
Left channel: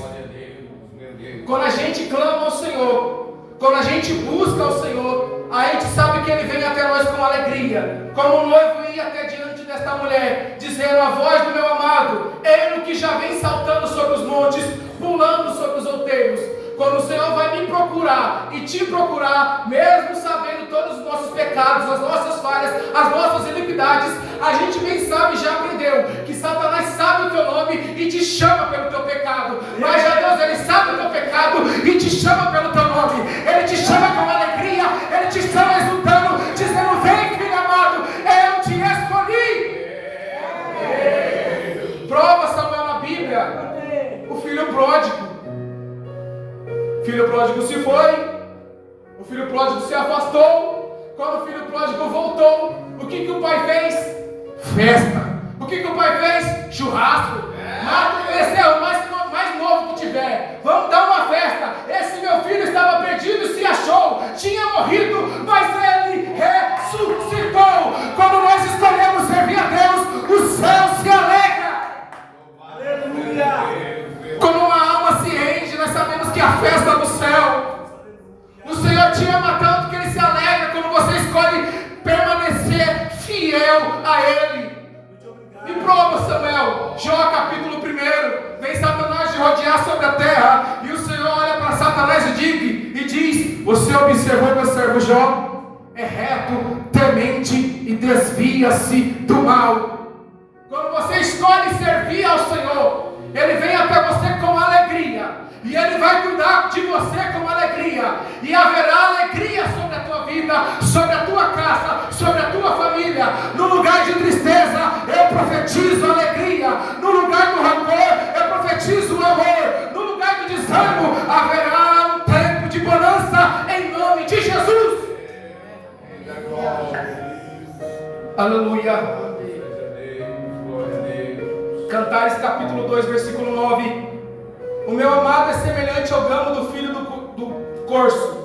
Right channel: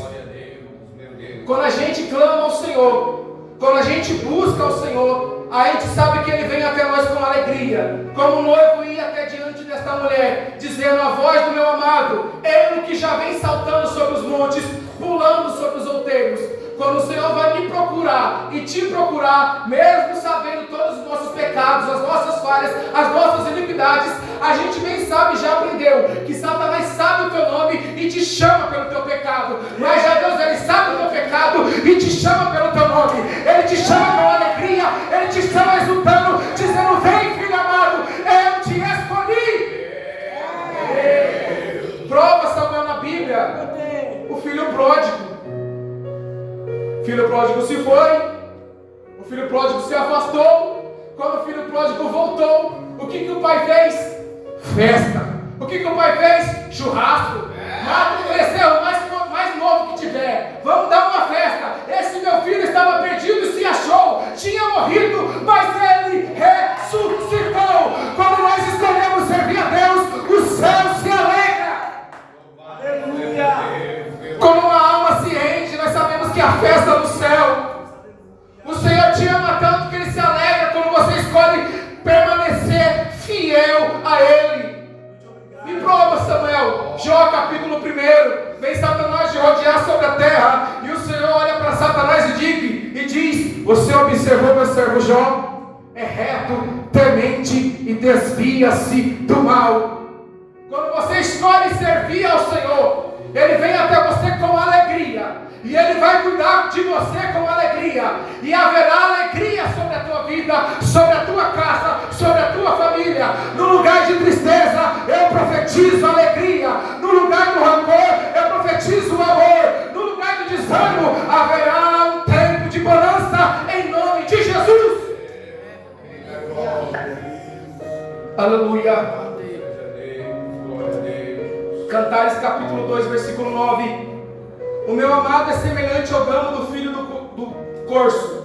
Quando a gente clama ao Senhor, quando a gente busca ao Senhor, a gente sabe que Ele vem até nós com alegria, como o noivo ia até diante desta mulher, dizendo: a voz do meu amado, Ele que já vem saltando sobre os montes, pulando sobre os outeiros. Quando o Senhor vai me procurar e te procurar, mesmo sabendo todos os nossos pecados, as nossas falhas, as nossas iniquidades, a gente bem sabe, já aprendeu, que Satanás sabe o teu nome e te chama pelo teu pecado. Mas já Deus, Ele sabe o teu pecado e te chama pelo teu nome. Ele te chama com alegria, Ele te chama exultando, dizendo: vem, filho amado, eu te escolhi. Prova, Samuel, na Bíblia, o filho pródigo. O filho pródigo se foi, o filho pródigo se afastou. Quando o filho pródigo voltou, o que o pai fez? Festa. O que o pai fez? Churrasco. Mata o mais novo que tiver, vamos dar uma festa. Esse meu filho estava perdido e se achou, tinha morrido, mas ele ressuscitou. Quando nós escolhemos servir a Deus, o céu se alegra. Aleluia. Quando uma alma se rende, nós sabemos que a festa é no céu. O Senhor te ama tanto que Ele se alegra quando você escolhe permanecer fiel a Ele. Me prova, Samuel. Jó capítulo 1. Vem Satanás de rodear sobre a terra, e o Senhor olha para Satanás e diz: você observou meu servo Jó? É reto, temente e desvia-se do mal. Quando você escolhe servir ao Senhor, Ele vem até você com alegria, e Ele vai cuidar de você com alegria, e haverá alegria sobre a tua vida, sobre a tua casa, sobre a tua família. No lugar de tristeza, eu profetizo alegria. No lugar do rancor, eu profetizo amor. No lugar do desânimo, haverá um tempo de bonança em nome de Jesus. Aleluia. Cantares capítulo 2, versículo 9. O meu amado é semelhante ao gamo do filho do corso,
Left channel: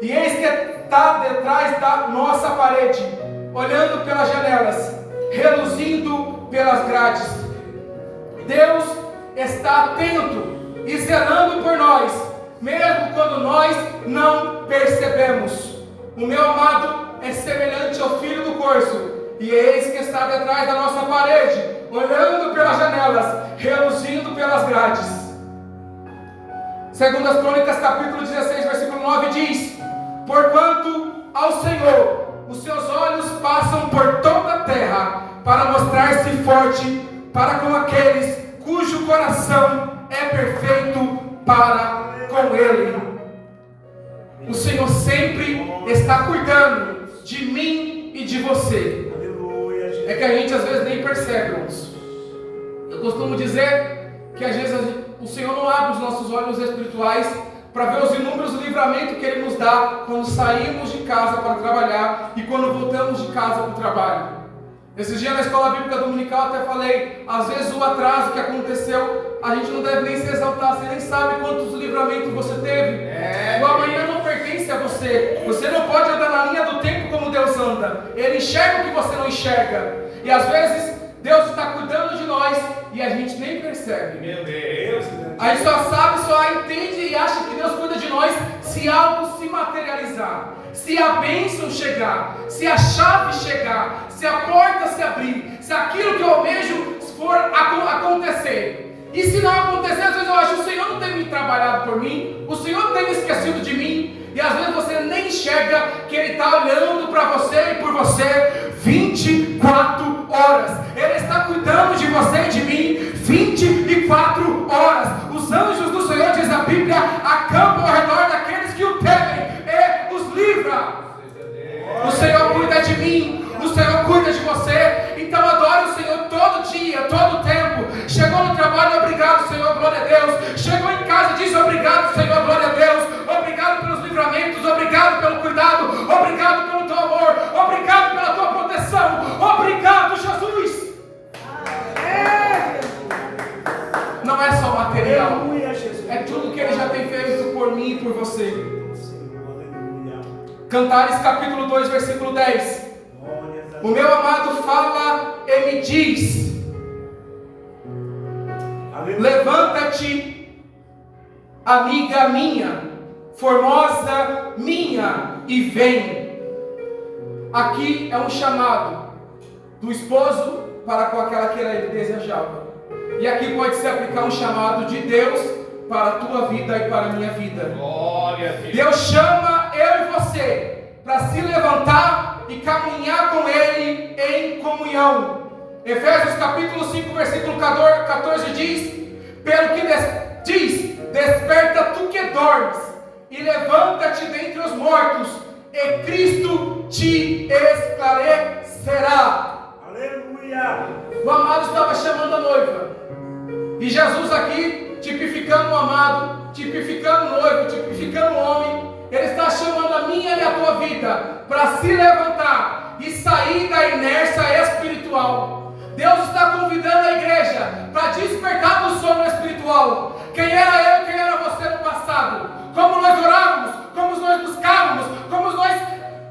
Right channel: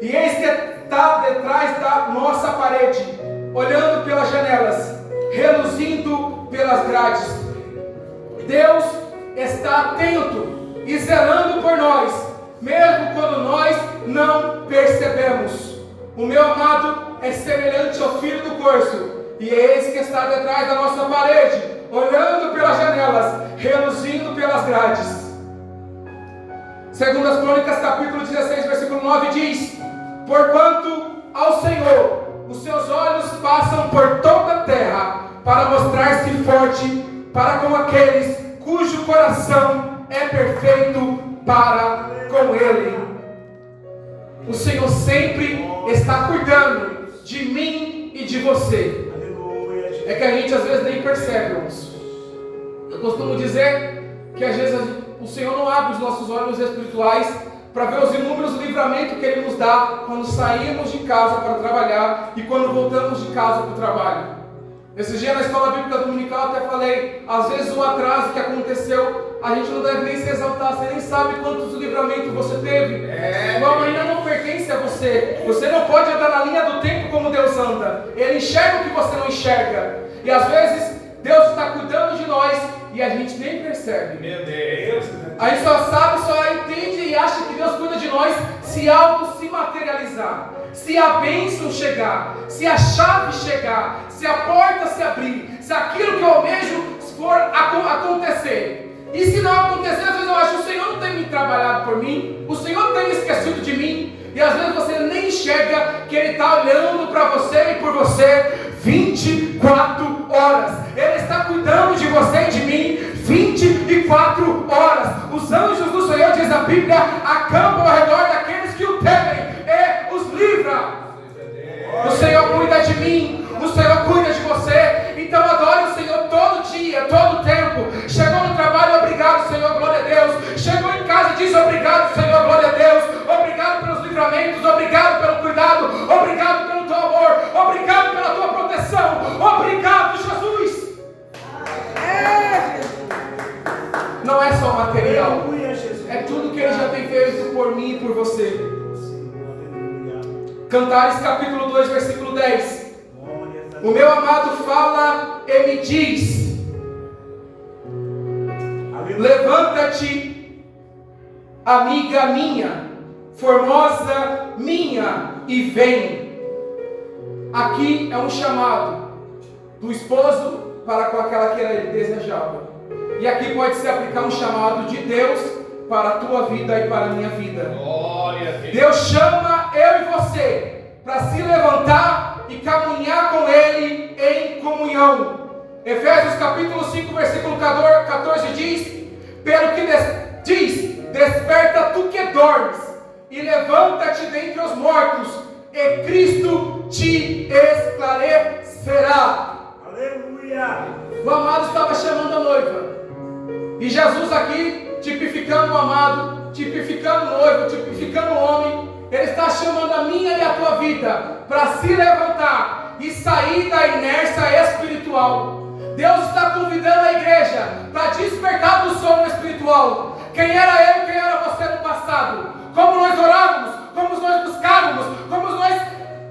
e eis que está detrás da nossa parede, olhando pelas janelas, reluzindo pelas grades. Deus está atento e zelando por nós, mesmo quando nós não percebemos. O meu amado é semelhante ao filho do corso, e eis que está detrás da nossa parede, olhando pelas janelas, reluzindo pelas grades. Segundo as Crônicas, capítulo 16, versículo 9 diz: porquanto ao Senhor os seus olhos passam por toda a terra, para mostrar-se forte para com aqueles cujo coração é perfeito para com Ele. O Senhor sempre está cuidando de mim e de você. É que a gente às vezes nem percebe isso. Eu costumo dizer que às vezes o Senhor não abre os nossos olhos espirituais para ver os inúmeros livramentos que Ele nos dá quando saímos de casa para trabalhar e quando voltamos de casa para o trabalho. Esses dias na escola bíblica dominical até falei, às vezes o atraso que aconteceu, a gente não deve nem se exaltar, você nem sabe quantos livramentos você teve. O amanhã não pertence a você. Você não pode andar na linha do tempo como Deus anda. Ele enxerga o que você não enxerga. E às vezes Deus está cuidando de nós e a gente nem percebe. Meu Deus! A gente só sabe, só entende e acha que Deus cuida de nós se algo se materializar, se a bênção chegar, se a chave chegar, se a porta se abrir, se aquilo que eu almejo for acontecer. E se não acontecer, às vezes eu acho que o Senhor não tem me trabalhado por mim, o Senhor tem esquecido de mim, e às vezes você nem enxerga que Ele está olhando para você e por você 24 horas. Ele está cuidando de você e de mim 24 horas. Os anjos do Senhor, diz a Bíblia, acampam ao redor daqueles que o temem e os livra. O Senhor cuida de mim, o Senhor cuida de você. dia, todo tempo. Chegou no trabalho, obrigado, Senhor, glória a Deus. Chegou em casa e diz obrigado, Senhor, glória a Deus. Obrigado pelos livramentos, obrigado pelo cuidado, obrigado pelo teu amor, obrigado pela tua proteção, obrigado, Jesus. Não é só material, é tudo que Ele já tem feito por mim e por você. Cantares capítulo 2, versículo 10. O meu amado fala e me diz: levanta-te, amiga minha, formosa minha, e vem. Aqui é um chamado do esposo para com aquela que ele desejava. E aqui pode se aplicar um chamado de Deus para a tua vida e para a minha vida. Deus chama eu e você para se levantar e caminhar com Ele em comunhão. Efésios capítulo 5, versículo 14 diz: pelo que diz, desperta tu que dormes, e levanta-te dentre os mortos, e Cristo te esclarecerá. Aleluia! O amado estava chamando a noiva, e Jesus aqui, tipificando o amado, tipificando o noivo, tipificando o homem, Ele está chamando a minha e a tua vida para se levantar e sair da inércia espiritual. Deus está convidando a igreja para despertar do sono espiritual. Quem era eu, quem era você no passado? Como nós orávamos, como nós buscávamos, como nós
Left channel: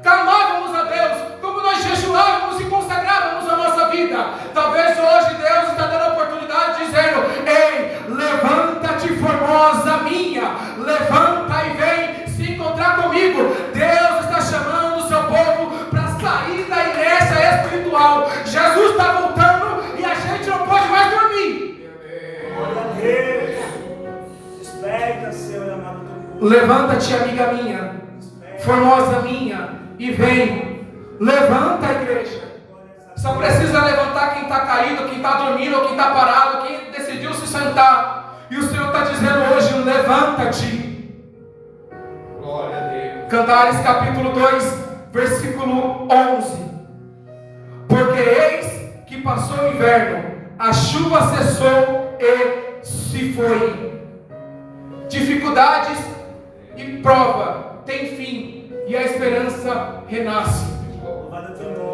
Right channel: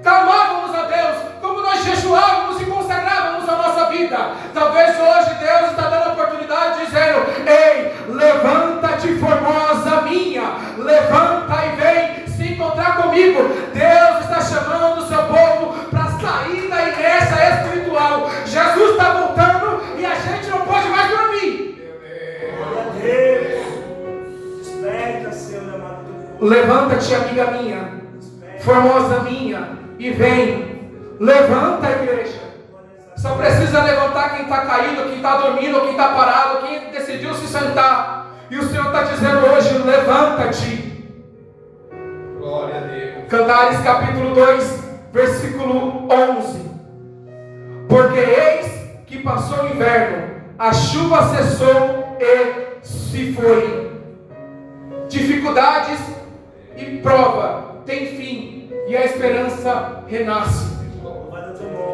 clamávamos a Deus, como nós jejuávamos e consagrávamos a nossa vida. Talvez hoje Deus está dando a oportunidade dizendo: ei, levanta-te, formosa minha, levanta e vem se encontrar comigo. Deus está chamando o seu povo para sair da inércia espiritual. Jesus está voltando e a gente não pode mais dormir. Glória a Deus. Desperta, Senhor amado. Levanta-te, amiga minha, formosa minha, e vem. Levanta, igreja. Só precisa levantar quem está caído, quem está dormindo, ou quem está parado, quem decidiu se sentar. E o Senhor está dizendo hoje: levanta-te. Glória a Deus. Cantares capítulo 2, versículo 11. Porque eis que passou o inverno, a chuva cessou e se foi. Dificuldades e prova tem fim, e a esperança renasce.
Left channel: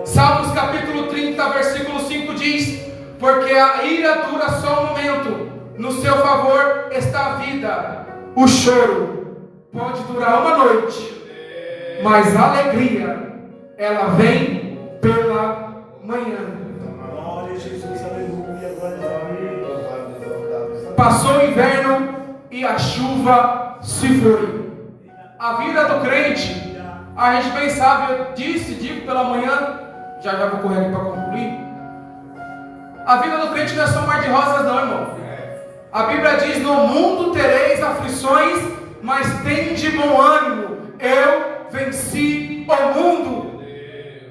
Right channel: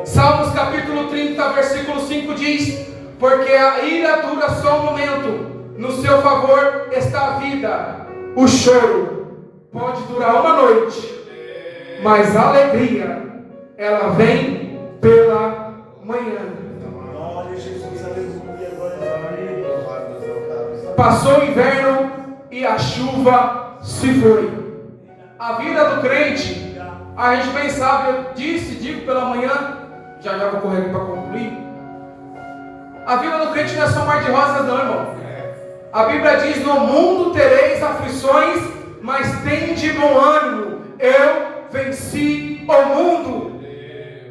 Salmos capítulo 30, versículo 5 diz: porque a ira dura só um momento, no seu favor está a vida. O choro pode durar uma noite, mas a alegria, ela vem pela manhã. Glória a Jesus, aleluia, glória a Deus. Passou o inverno e a chuva se foi. A vida do crente, a gente bem sabe, eu digo pela manhã, já vou correr aqui para concluir. A vida do crente não é só um mar de rosas não, irmão. A Bíblia diz: no mundo tereis aflições, mas tende bom ânimo, eu venci o mundo.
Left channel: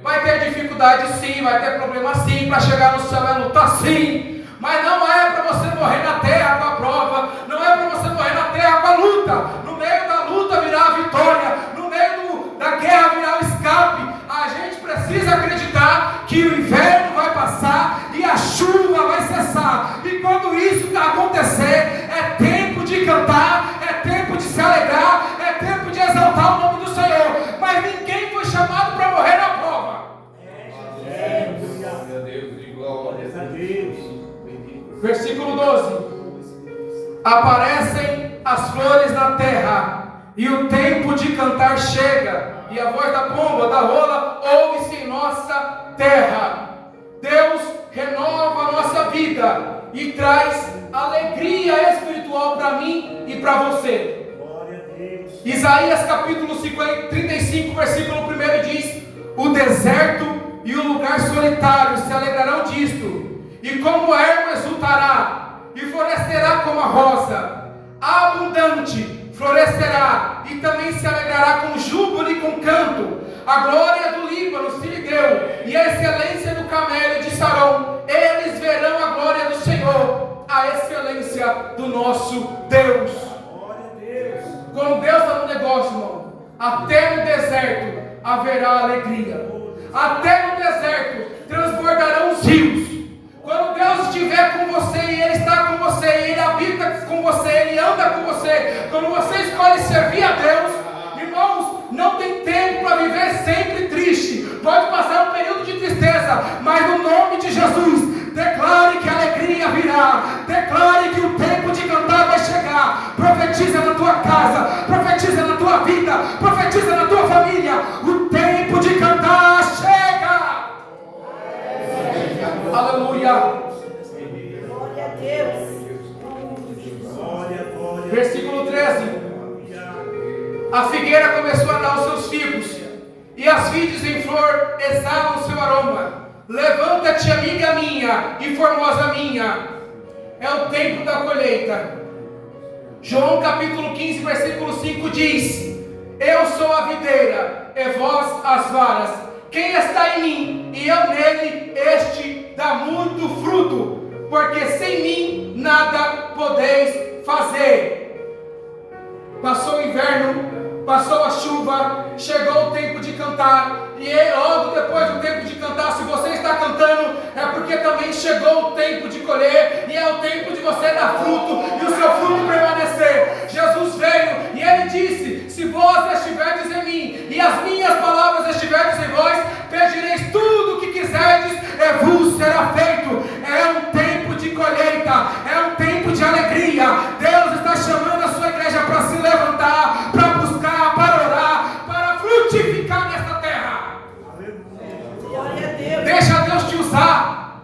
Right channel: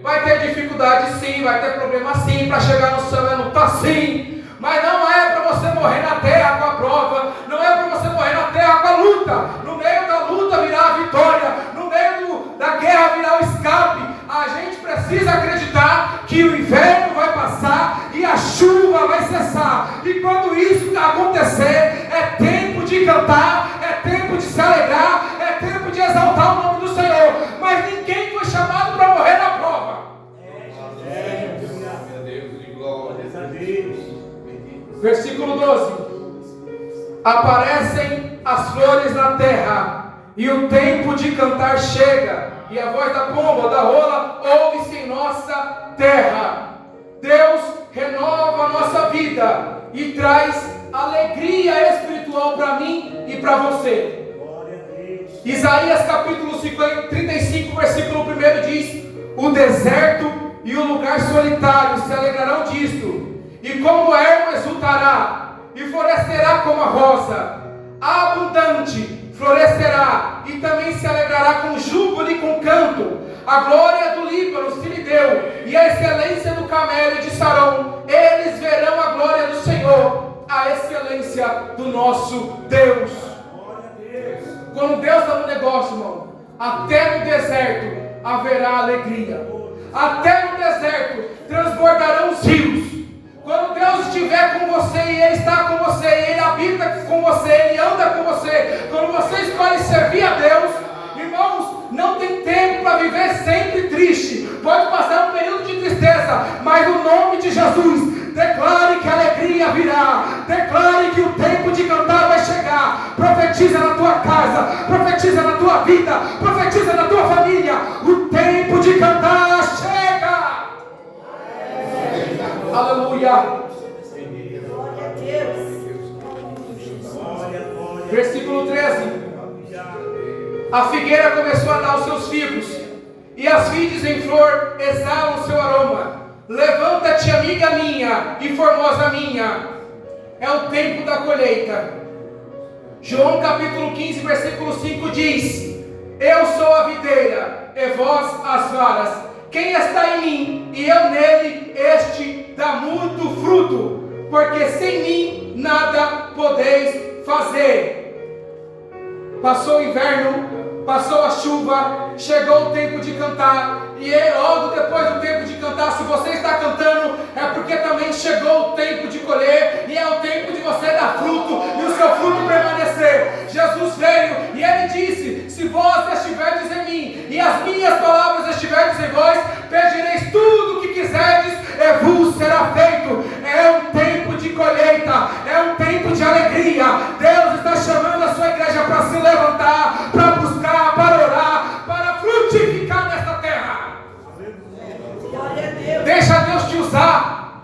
Vai ter dificuldade sim, vai ter problema sim, para chegar no céu é lutar sim, mas não é para você morrer na terra com a prova, não é para você morrer na terra com a luta. No meio da luta virá a vitória, no meio da guerra virá o escape. A gente precisa acreditar que o inverno vai passar e a chuva vai cessar, e quando isso acontecer, é tempo de cantar, é tempo de se alegrar, é tempo de exaltar o nome do Senhor. Mas ninguém foi chamado para morrer na prova. Versículo 12: aparecem as flores na terra, e o tempo de cantar chega, e a voz da pomba, da rola, ouve-se em nossa terra. Deus renova a nossa vida e traz alegria espiritual para mim e para você. Glória a Deus. Isaías capítulo 35, versículo 1 diz: o deserto e o lugar solitário se alegrarão disto, e como a erva exultará, e florescerá como a rosa, abundante florescerá, e também se alegrará com júbilo e com canto. A glória do Líbano se lhe deu, e a excelência do camelho de Sarão. Eles verão a glória do Senhor, a excelência do nosso Deus. Glória a Deus. Quando Deus está no negócio, irmão, até no deserto haverá alegria. Até no deserto transbordarão os rios. Quando Deus estiver com você e Ele está com você, e Ele habita com você, Ele anda com você, quando você escolhe servir a Deus, irmãos, não tem tempo para viver sempre triste. Pode passar um período de tristeza, mas no nome de Jesus, declare que a alegria virá, declare que o tempo de cantar vai chegar. Profetiza na tua casa, profetiza na tua vida, profetiza na tua família. O tempo de cantar chega. Aleluia. Glória a Deus. Versículo 13. A figueira começou a dar os seus figos, e as vides em flor exalam o seu aroma. Levanta-te, amiga minha e formosa minha. É o tempo da colheita. João capítulo 15, versículo 5 diz: eu sou a videira, e vós as varas. Quem está em mim e eu nele, este dá muito fruto, porque sem mim nada podeis fazer. Passou o inverno, passou a chuva, chegou o tempo de cantar, e logo depois do tempo de cantar, se você está cantando, é porque também chegou o tempo de colher, e é o tempo de você dar fruto, e o seu fruto permanecer. Jesus veio, e Ele disse: se vós estiverdes em mim, e as minhas palavras estiverdes em vós, pedireis tudo o que quiserdes, e vos será feito. É um tempo de colheita, é um tempo de alegria. Deus está chamando a sua igreja para se levantar, para buscar, para orar, para frutificar nesta terra. Glória a Deus. Deixa Deus te usar.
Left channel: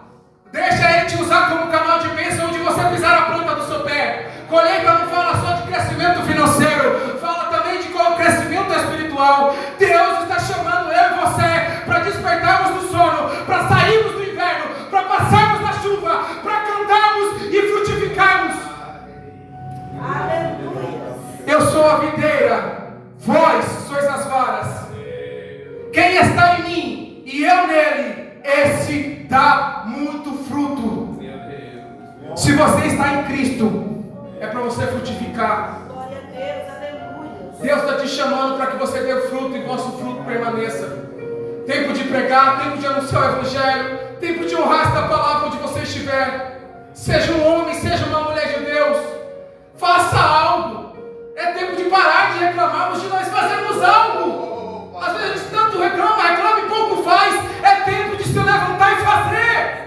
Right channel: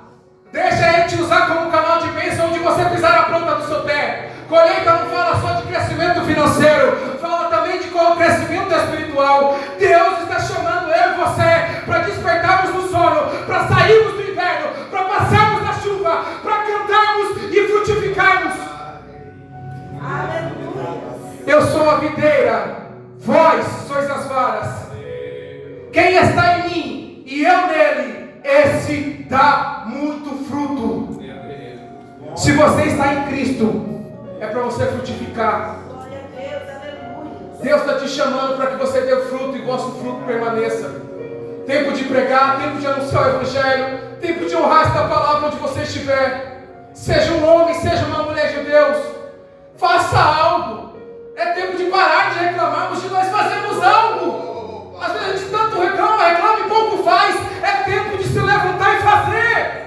Deixa Ele te usar como canal de bênção onde você pisar a planta do seu pé. Colheita não fala só de crescimento financeiro, fala também de qual crescimento espiritual. Deus está chamando eu e você para despertarmos do sono, para sairmos do inverno, para passarmos da chuva, para cantarmos e frutificarmos. Aleluia. Eu sou a videira, vós sois as varas. Quem está em mim e eu nele, esse dá muito fruto. Se você está em Cristo, é para você frutificar. Glória a Deus. Aleluia. Deus está te chamando para que você dê fruto e vosso fruto permaneça. Tempo de pregar, tempo de anunciar o Evangelho, tempo de honrar esta palavra onde você estiver. Seja um homem, seja uma mulher de Deus, faça algo. É tempo de parar de reclamarmos, de nós fazermos algo. Às vezes a gente tanto reclama e pouco faz. É tempo de se levantar e fazer.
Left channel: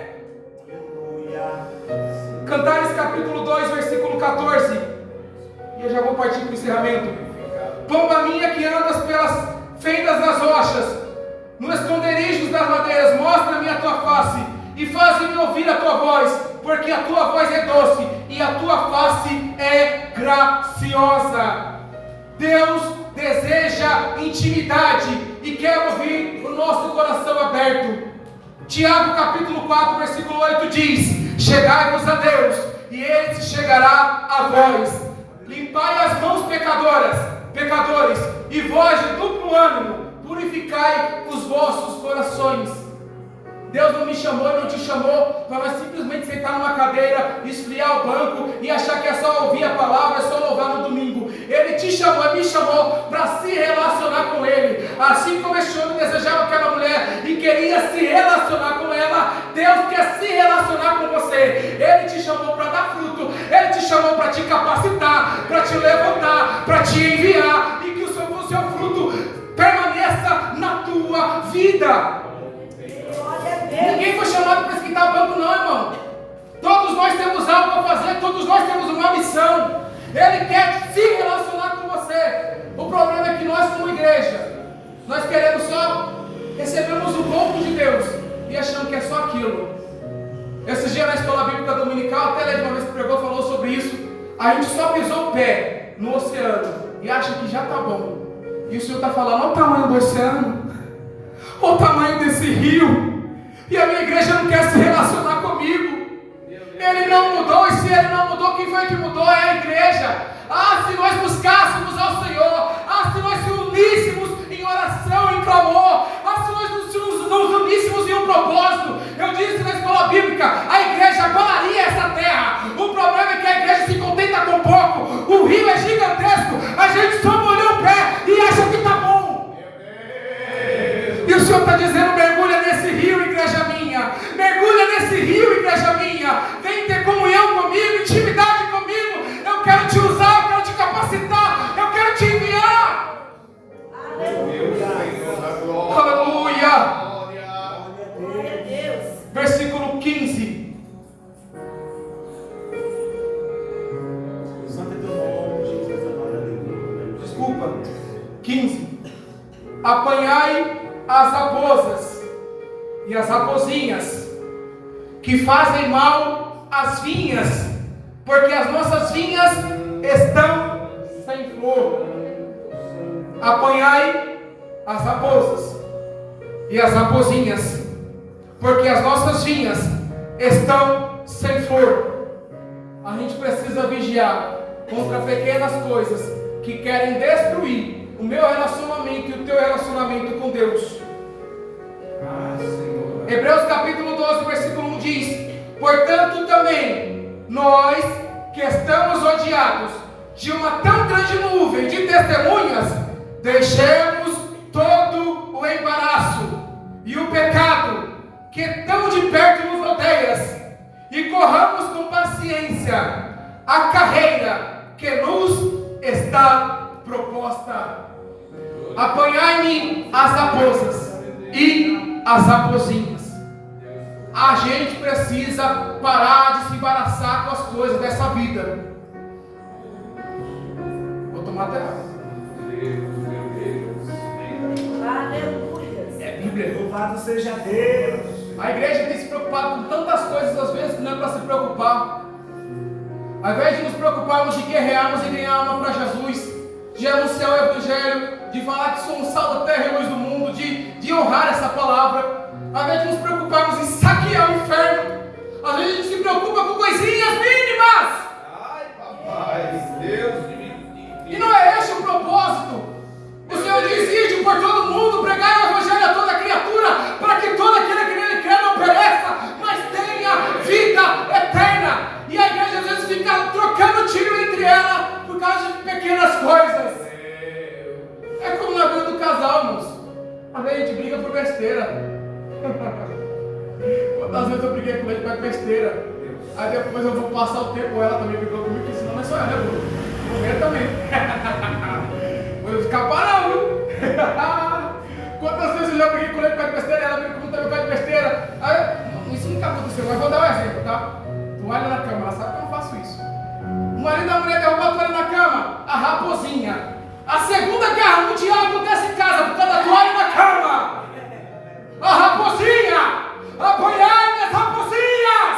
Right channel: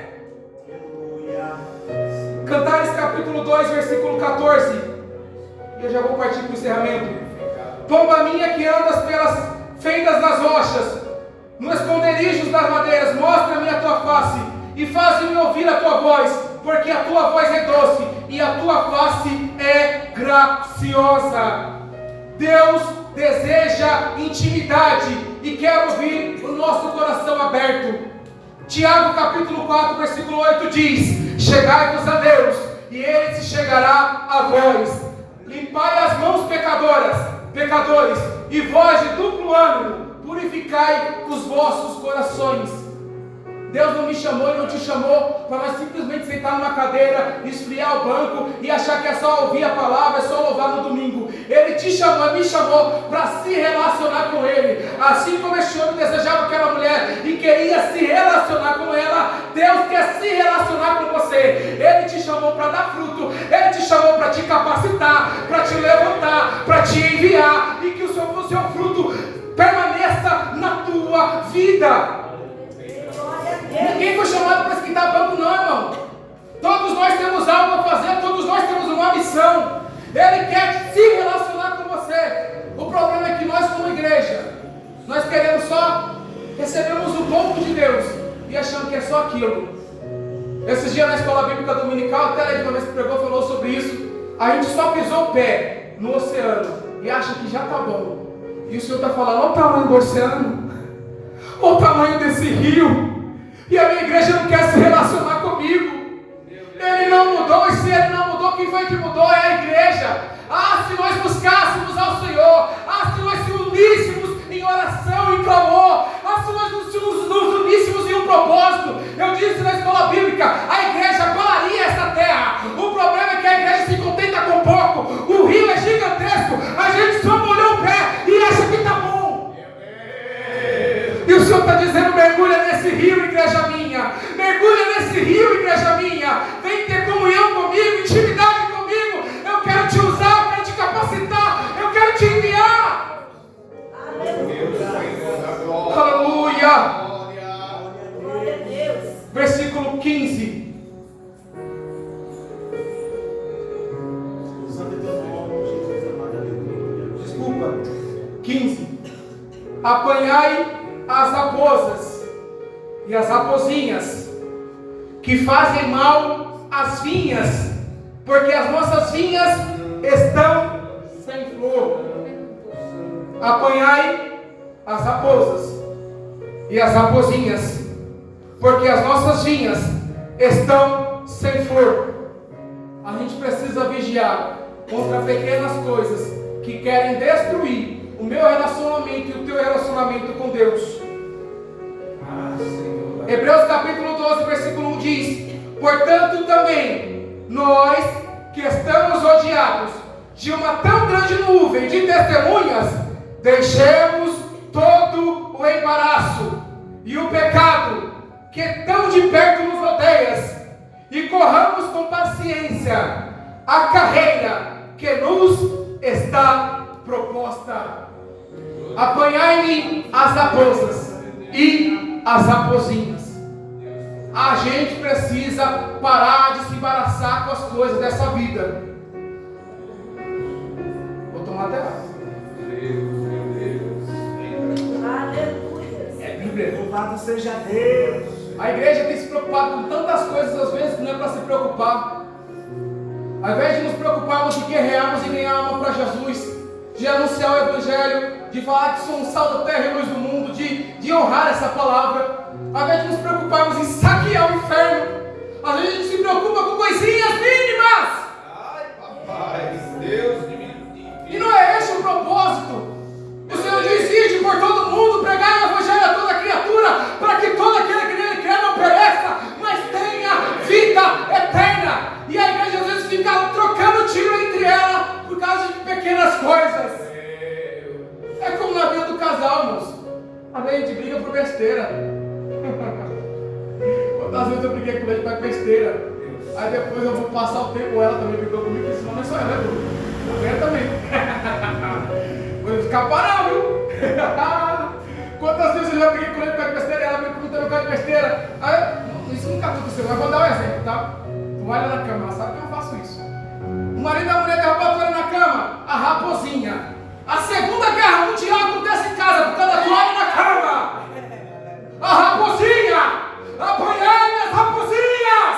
Cantares capítulo 2, versículo 14. E eu já vou partir para o encerramento. Pomba minha que andas pelas fendas das rochas, no esconderijos das madeiras, mostra-me a tua face e faz-me ouvir a tua voz, porque a tua voz é doce e a tua face é graciosa. Deus deseja intimidade e quer ouvir o nosso coração aberto. Tiago capítulo 4, versículo 8 diz: chegai-vos a Deus e Ele se chegará a vós. Limpai as mãos pecadores, e vós de duplo ânimo, purificai os vossos corações. Deus não me chamou e não te chamou para nós simplesmente sentar numa cadeira, esfriar o banco e achar que é só ouvir a palavra, é só louvar no domingo. Ele te chamou, me chamou para se relacionar com Ele. Assim como esse homem desejava aquela mulher e queria se relacionar com ela, Deus quer se relacionar com você. Ele te chamou para dar fruto, Ele te chamou para te capacitar, para te levantar, para te enviar, e que o seu fruto permaneça na tua vida. Ninguém foi chamado para esquentar banco, não, irmão. Todos nós temos algo a fazer, todos nós temos uma missão. Ele quer se relacionar com você. O problema é que nós, como igreja, nós queremos só recebermos um pouco de Deus e achando que é só aquilo. Esses dias na escola bíblica dominical, até a de uma vez que pregou, falou sobre isso. A gente só pisou o pé no oceano e acha que já está bom. E o Senhor está falando: olha o tamanho do oceano, olha o tamanho desse rio. E a minha igreja não quer se relacionar comigo. Ele não mudou, e se Ele não mudou, quem foi que mudou? É a igreja. Ah, se nós buscássemos ao Senhor, se nós se uníssemos em oração, em clamor, se nós nos uníssemos em um propósito. Eu disse na escola bíblica, a igreja abalaria essa terra. O problema é que a igreja se contenta com pouco. O rio é gigantesco, a gente só molhou o pé e acha que está bom. E o Senhor está dizendo: mergulha nesse rio, igreja minha. Mergulha nesse rio, igreja minha. minha, vem ter comunhão comigo, intimidade comigo. Eu quero te usar, eu quero te capacitar, eu quero te enviar. Aleluia. Glória a Deus. Versículo 15. Santo é teu nome, Jesus amado, aleluia. Desculpa. 15. Apanhai as raposas e as rapozinhas que fazem mal às vinhas, porque as nossas vinhas estão sem flor. Apanhai as raposas e as rapozinhas, porque as nossas vinhas estão sem flor. A gente precisa vigiar contra pequenas coisas que querem destruir o meu relacionamento e o teu relacionamento com Deus. Hebreus capítulo 12, versículo 1 diz: portanto também nós que estamos rodeados de uma tão grande nuvem de testemunhas, deixemos todo o embaraço e o pecado que tão de perto nos rodeia, e corramos com paciência a carreira que nos está proposta. Apanhai-me as raposas e as rapozinhas. A gente precisa parar de se embaraçar com as coisas dessa vida. Vou tomar até água. Aleluia. É Bíblia. Louvado seja Deus. A igreja tem se preocupado com tantas coisas às vezes que não é para se preocupar. Ao invés de nos preocuparmos de guerrearmos e ganhar alma para Jesus, de anunciar o Evangelho, de falar que somos sal da terra e luz do mundo, de honrar essa palavra, ao invés de nos preocuparmos em saquear o inferno, às vezes a gente se preocupa com coisinhas mínimas. Ai, papai, Deus de mim. E não é esse o propósito. O Senhor diz: ide por todo mundo, pregai o Evangelho a toda criatura, para que todo aquele que nele crê não pereça, mas tenha vida eterna. E a igreja às vezes fica trocando tiro entre ela por causa de pequenas coisas. É como na vida do casal, irmãos. Às vezes a gente briga por besteira. Quantas vezes eu briguei com ele por besteira? Aí depois eu vou passar o tempo, ela também brigou comigo, porque senão não é só ela, né, Bruno? Eu também. Vou ficar parado, viu? Quantas vezes eu já briguei com ele por besteira, ela brigou comigo também por besteira? Aí, isso nunca aconteceu, mas vou dar um exemplo, tá? Toalha na cama, ela sabe que eu não faço isso. O marido da mulher derrubou a toalha na cama, a raposinha. A Segunda Guerra Mundial acontece em casa por causa da toalha na cama. A raposinha, apanhai as raposinhas.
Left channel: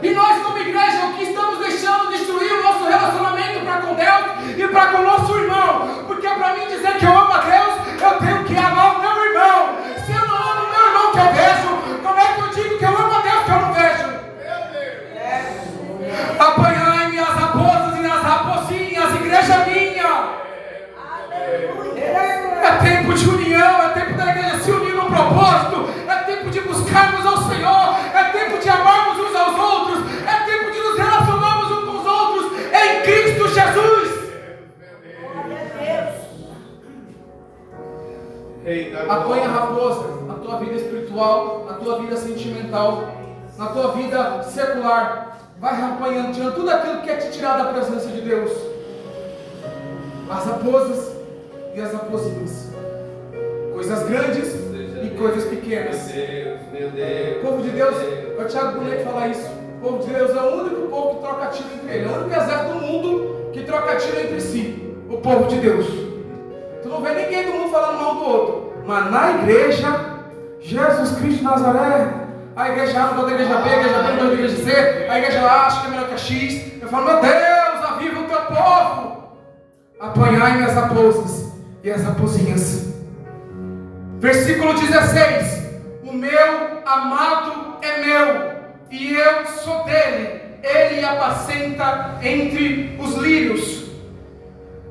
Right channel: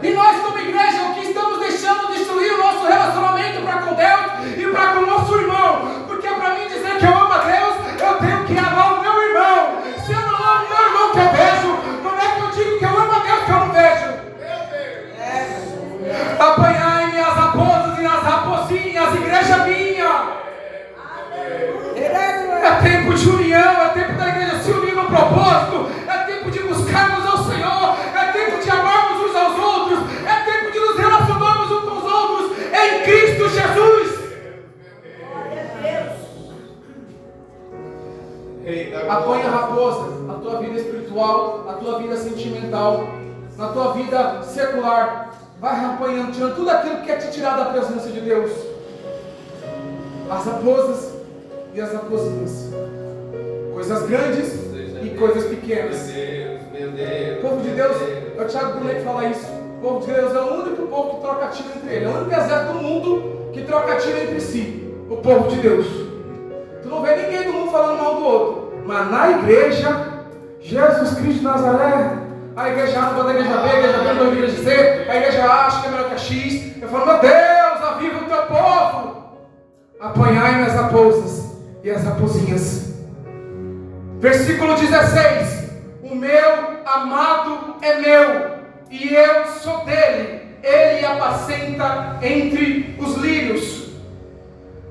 E nós como igreja, o que estamos deixando destruir o nosso relacionamento para com Deus e para com o nosso irmão? Porque para mim dizer que eu amo a Deus, eu tenho que amar o meu irmão. Se eu não amo o meu irmão que eu vejo, como é que eu digo que eu amo a Deus que eu não vejo? Apanhai-me as raposas e as raposinhas, igreja minha. É tempo de união, é tempo da igreja se unir no propósito, é tempo de buscarmos ao Senhor, é tempo de amarmos uns aos outros, é tempo de nos relacionarmos uns com os outros em Cristo Jesus. Apanha a raposa na tua vida espiritual, na tua vida sentimental, na tua vida secular. Vai apanhando, tirando tudo aquilo que quer te tirar da presença de Deus. As raposas e as raposinhas, coisas grandes e coisas pequenas. O povo de Deus, é o Tiago Bonet que fala isso. O povo de Deus é o único povo que troca tiro entre ele, é o único exército do mundo que troca tiro entre si. O povo de Deus. Tu não vê ninguém do mundo falando mal do outro, mas na igreja, Jesus Cristo de Nazaré, a igreja A não gosta da igreja B, a igreja B não gosta da igreja C, a igreja A acha que é melhor que a X. Eu falo: meu Deus, aviva o teu povo. Apanhai-me as raposas e as raposinhas. Versículo 16: o meu amado é meu, e eu sou dele, ele apacenta entre os lírios.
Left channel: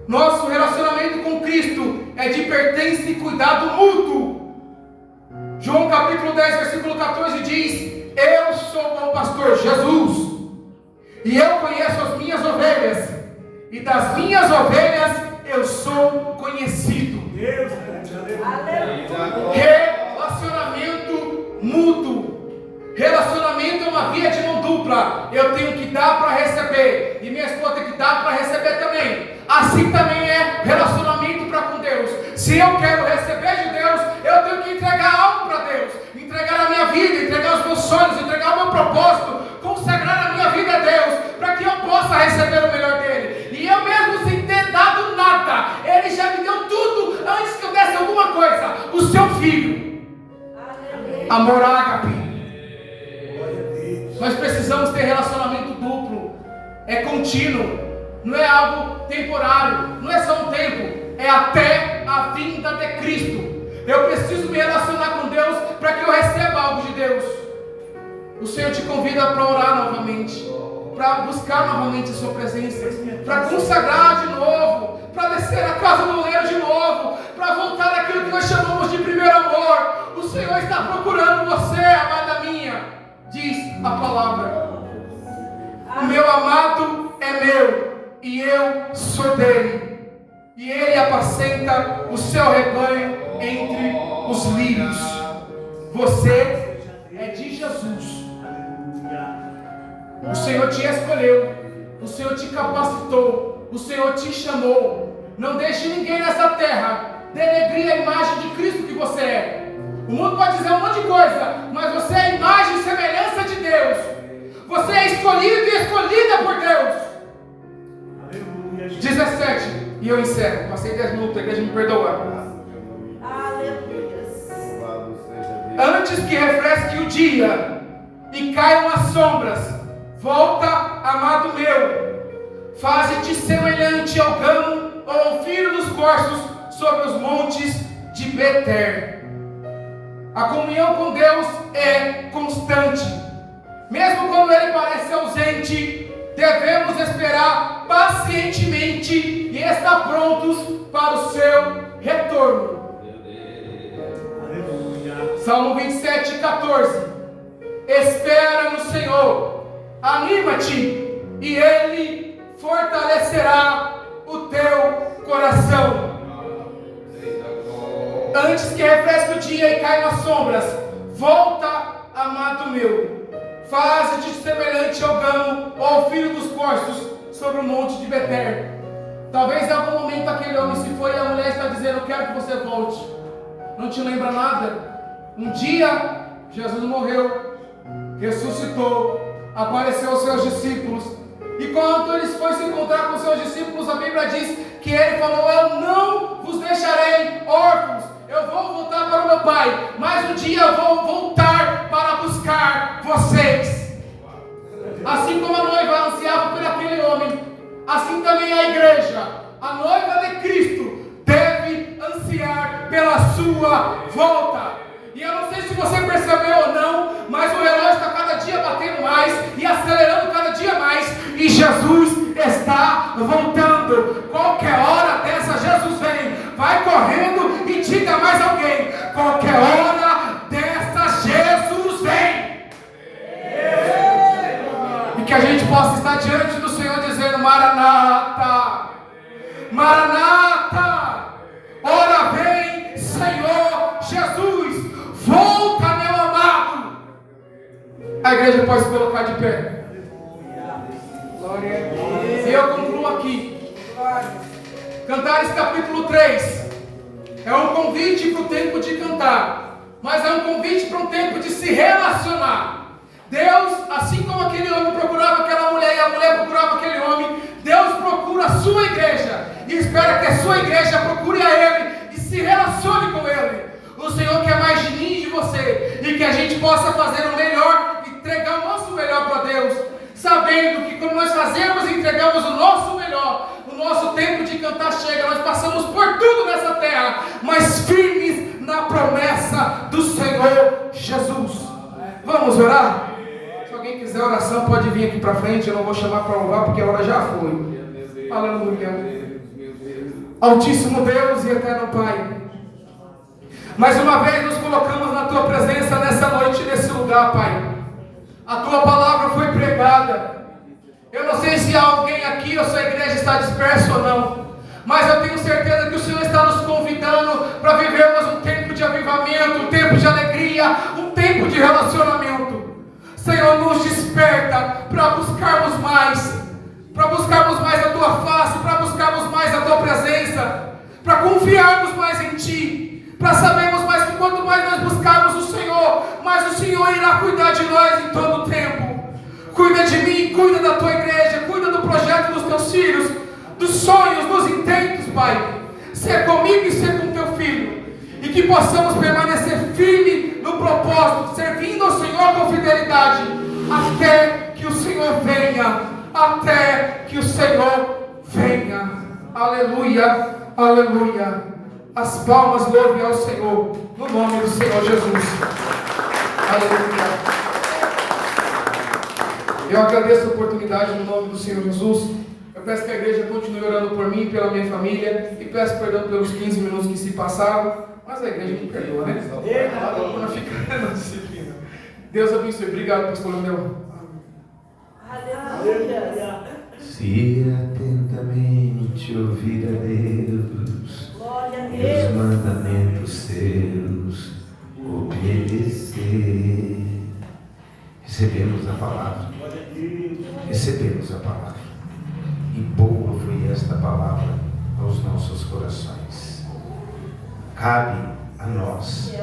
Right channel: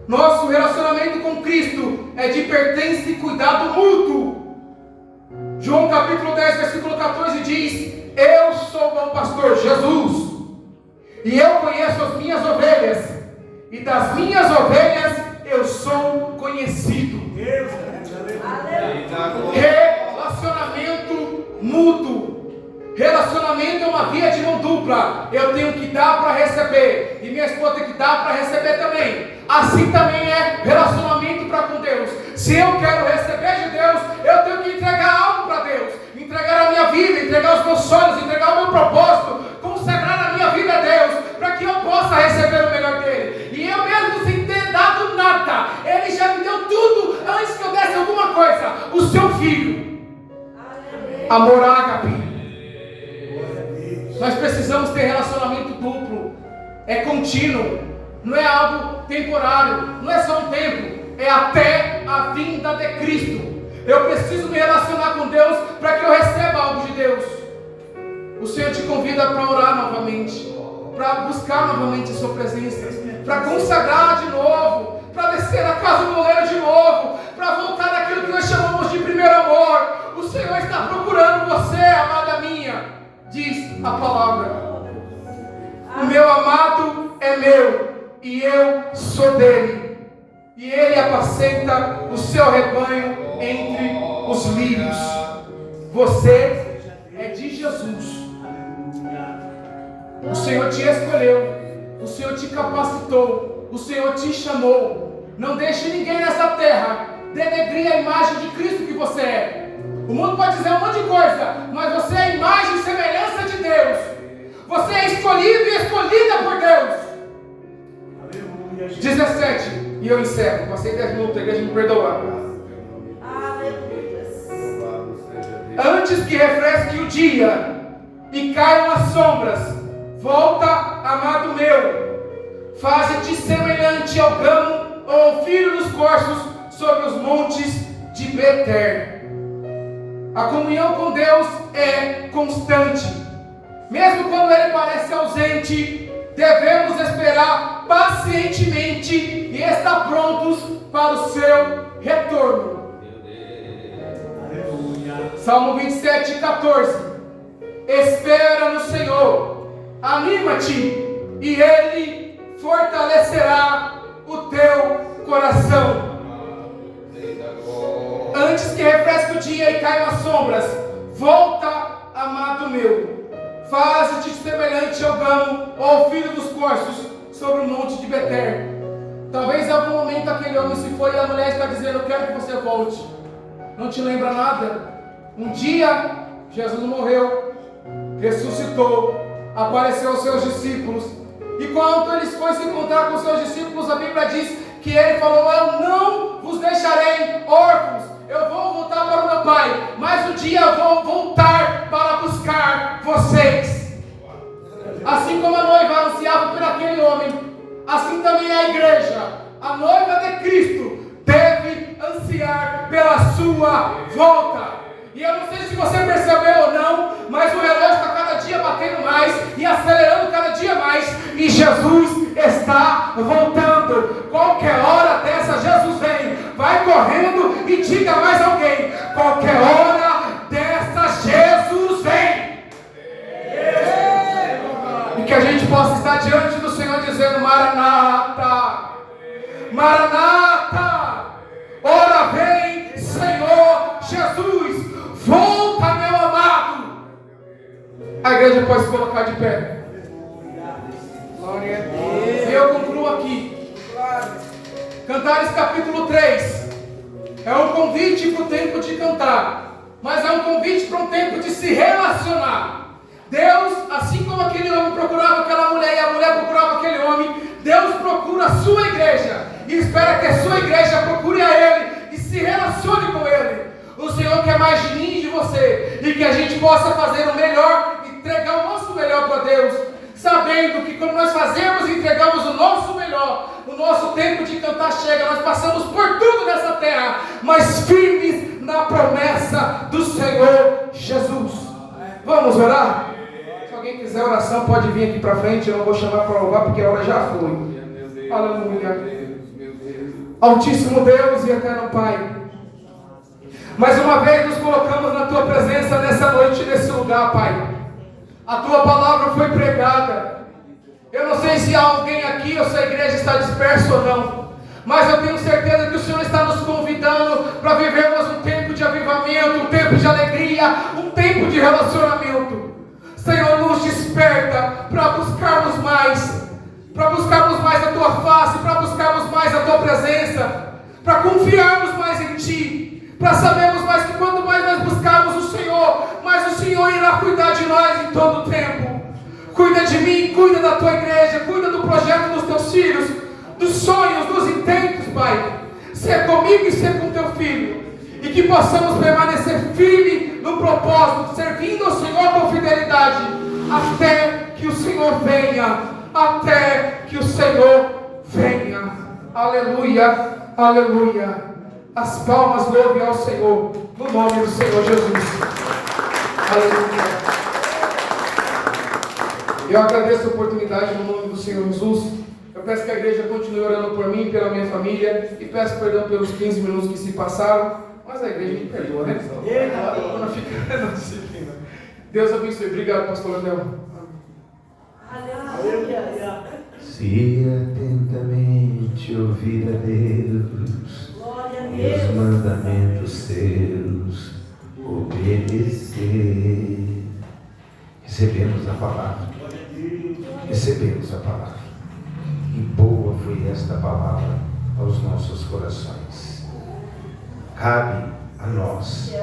Nosso relacionamento com Cristo é de pertença e cuidado mútuo. João capítulo 10, versículo 14 diz: eu sou o bom pastor, Jesus, e eu conheço as minhas ovelhas, e das minhas ovelhas eu sou conhecido. Deus, Relacionamento mútuo, relacionamento uma via de mão dupla. Eu tenho que dar para receber, e minha esposa tem que dar para receber também. Assim também é relacionamento para com Deus. Se eu quero receber de Deus, eu tenho que entregar algo para Deus, entregar a minha vida, entregar os meus sonhos, entregar o meu propósito, consagrar a minha vida a Deus, para que eu possa receber o melhor dele. E eu mesmo sem ter dado nada, ele já me deu tudo antes que eu desse alguma coisa. O seu filho, amor ágape. Nós precisamos ter relacionamento duplo, é contínuo, não é algo temporário, não é só um tempo, é até a vinda de Cristo. Eu preciso me relacionar com Deus para que eu receba algo de Deus. O Senhor te convida para orar novamente, para buscar novamente a sua presença, para consagrar de novo, para descer na casa do oleiro de novo, para voltar naquilo que nós chamamos de primeiro amor. O Senhor está procurando você, amada minha, diz a palavra. O meu amado é meu e eu sou dele, e ele apacenta o seu rebanho entre os lírios. Você é de Jesus. O Senhor te escolheu, o Senhor te capacitou, o Senhor te chamou. Não deixe ninguém nessa terra denegrir a imagem de Cristo que você é. O mundo pode dizer um monte de coisa, mas você é a imagem e semelhança de Deus. Você é escolhido e escolhida por Deus. 17, e eu encerro. Passei 10 minutos, a igreja me perdoa. Antes que refresque o dia e caiam as sombras, volta, amado meu, faze-te semelhante ao gamo ou ao filho dos corços sobre os montes de Beter. A comunhão com Deus é constante. Mesmo quando Ele parece ausente, devemos esperar pacientemente e estar prontos para o seu retorno. Salmo 27, 14. Espera no Senhor, anima-te, e Ele fortalecerá o teu coração. Antes que refresque o dia e caiam as sombras, volta, amado meu, faze-te semelhante ao gamo ou ao filho dos corços sobre o monte de Beter. Talvez em algum momento aquele homem se foi e a mulher está dizendo: eu quero que você volte. Não te lembra nada? Um dia Jesus morreu, ressuscitou, apareceu aos seus discípulos, e quando eles foram se encontrar com seus discípulos, a Bíblia diz que ele falou: eu não vos deixarei órfãos, eu vou voltar para o meu Pai, mas um dia eu vou voltar para buscar vocês. Assim como a noiva ansiava por aquele homem, assim também a igreja, a noiva de Cristo, deve ansiar pela sua volta. E eu não sei se você percebeu ou não, mas o relógio está cada dia batendo mais e acelerando cada dia mais, e Jesus está voltando. Qualquer hora dessa Jesus vem. Vai correndo e diga mais alguém: qualquer hora dessa Jesus vem. E que a gente possa estar diante do Senhor dizendo: Maranata, Maranata, ora vem Senhor Jesus, volta, meu amado. A igreja pode se colocar de pé. Glória a Deus. E eu concluo aqui. Cantares capítulo 3 é um convite para o tempo de cantar, mas é um convite para um tempo de se relacionar. Deus, assim como aquele homem procurava aquela mulher e a mulher procurava aquele homem, Deus procura a sua igreja e espera que a sua igreja procure a Ele e se relacione com Ele. O Senhor quer mais de mim e de você, e que a gente possa fazer o melhor, entregar o nosso melhor para Deus, sabendo que quando nós fazemos e entregamos o nosso melhor, o nosso tempo de cantar chega. Nós passamos por tudo nessa terra, mas firmes na promessa do Senhor Jesus. Vamos orar? Se alguém quiser oração, pode vir aqui para frente. Eu não vou chamar para louvar porque a hora já foi. Aleluia. Altíssimo Deus e eterno Pai, mais uma vez nos colocamos na Tua presença nessa noite, nesse lugar, Pai. A Tua palavra foi pregada. Eu não sei se há alguém aqui ou se a igreja está dispersa ou não, mas eu tenho certeza que o Senhor está nos convidando para vivermos um tempo de avivamento, um tempo de alegria, um tempo de relacionamento. Senhor, nos para sabermos mais que quanto mais nós buscarmos o Senhor, mais o Senhor irá cuidar de nós em todo o tempo. Cuida de mim, cuida da tua igreja, cuida do projeto dos teus filhos, dos sonhos, dos intentos, Pai. Ser comigo e ser com teu filho, e que possamos permanecer firme no propósito, servindo ao Senhor com fidelidade, até que o Senhor venha, até que o Senhor venha. Aleluia, aleluia. As palmas louvem ao Senhor, no nome do Senhor Jesus. Aleluia. Eu agradeço a oportunidade no nome do Senhor Jesus. Eu peço que a igreja continue orando por mim, pela minha família, e peço perdão pelos 15 minutos que se passaram, mas a igreja me perdoa, né? Deus abençoe. Obrigado, pastor Leandro. Aleluia. Se atentamente ouvir a Deus e os mandamentos seus obedecer. Recebemos a palavra. Recebemos a palavra. E boa foi esta palavra aos nossos corações. Cabe a nós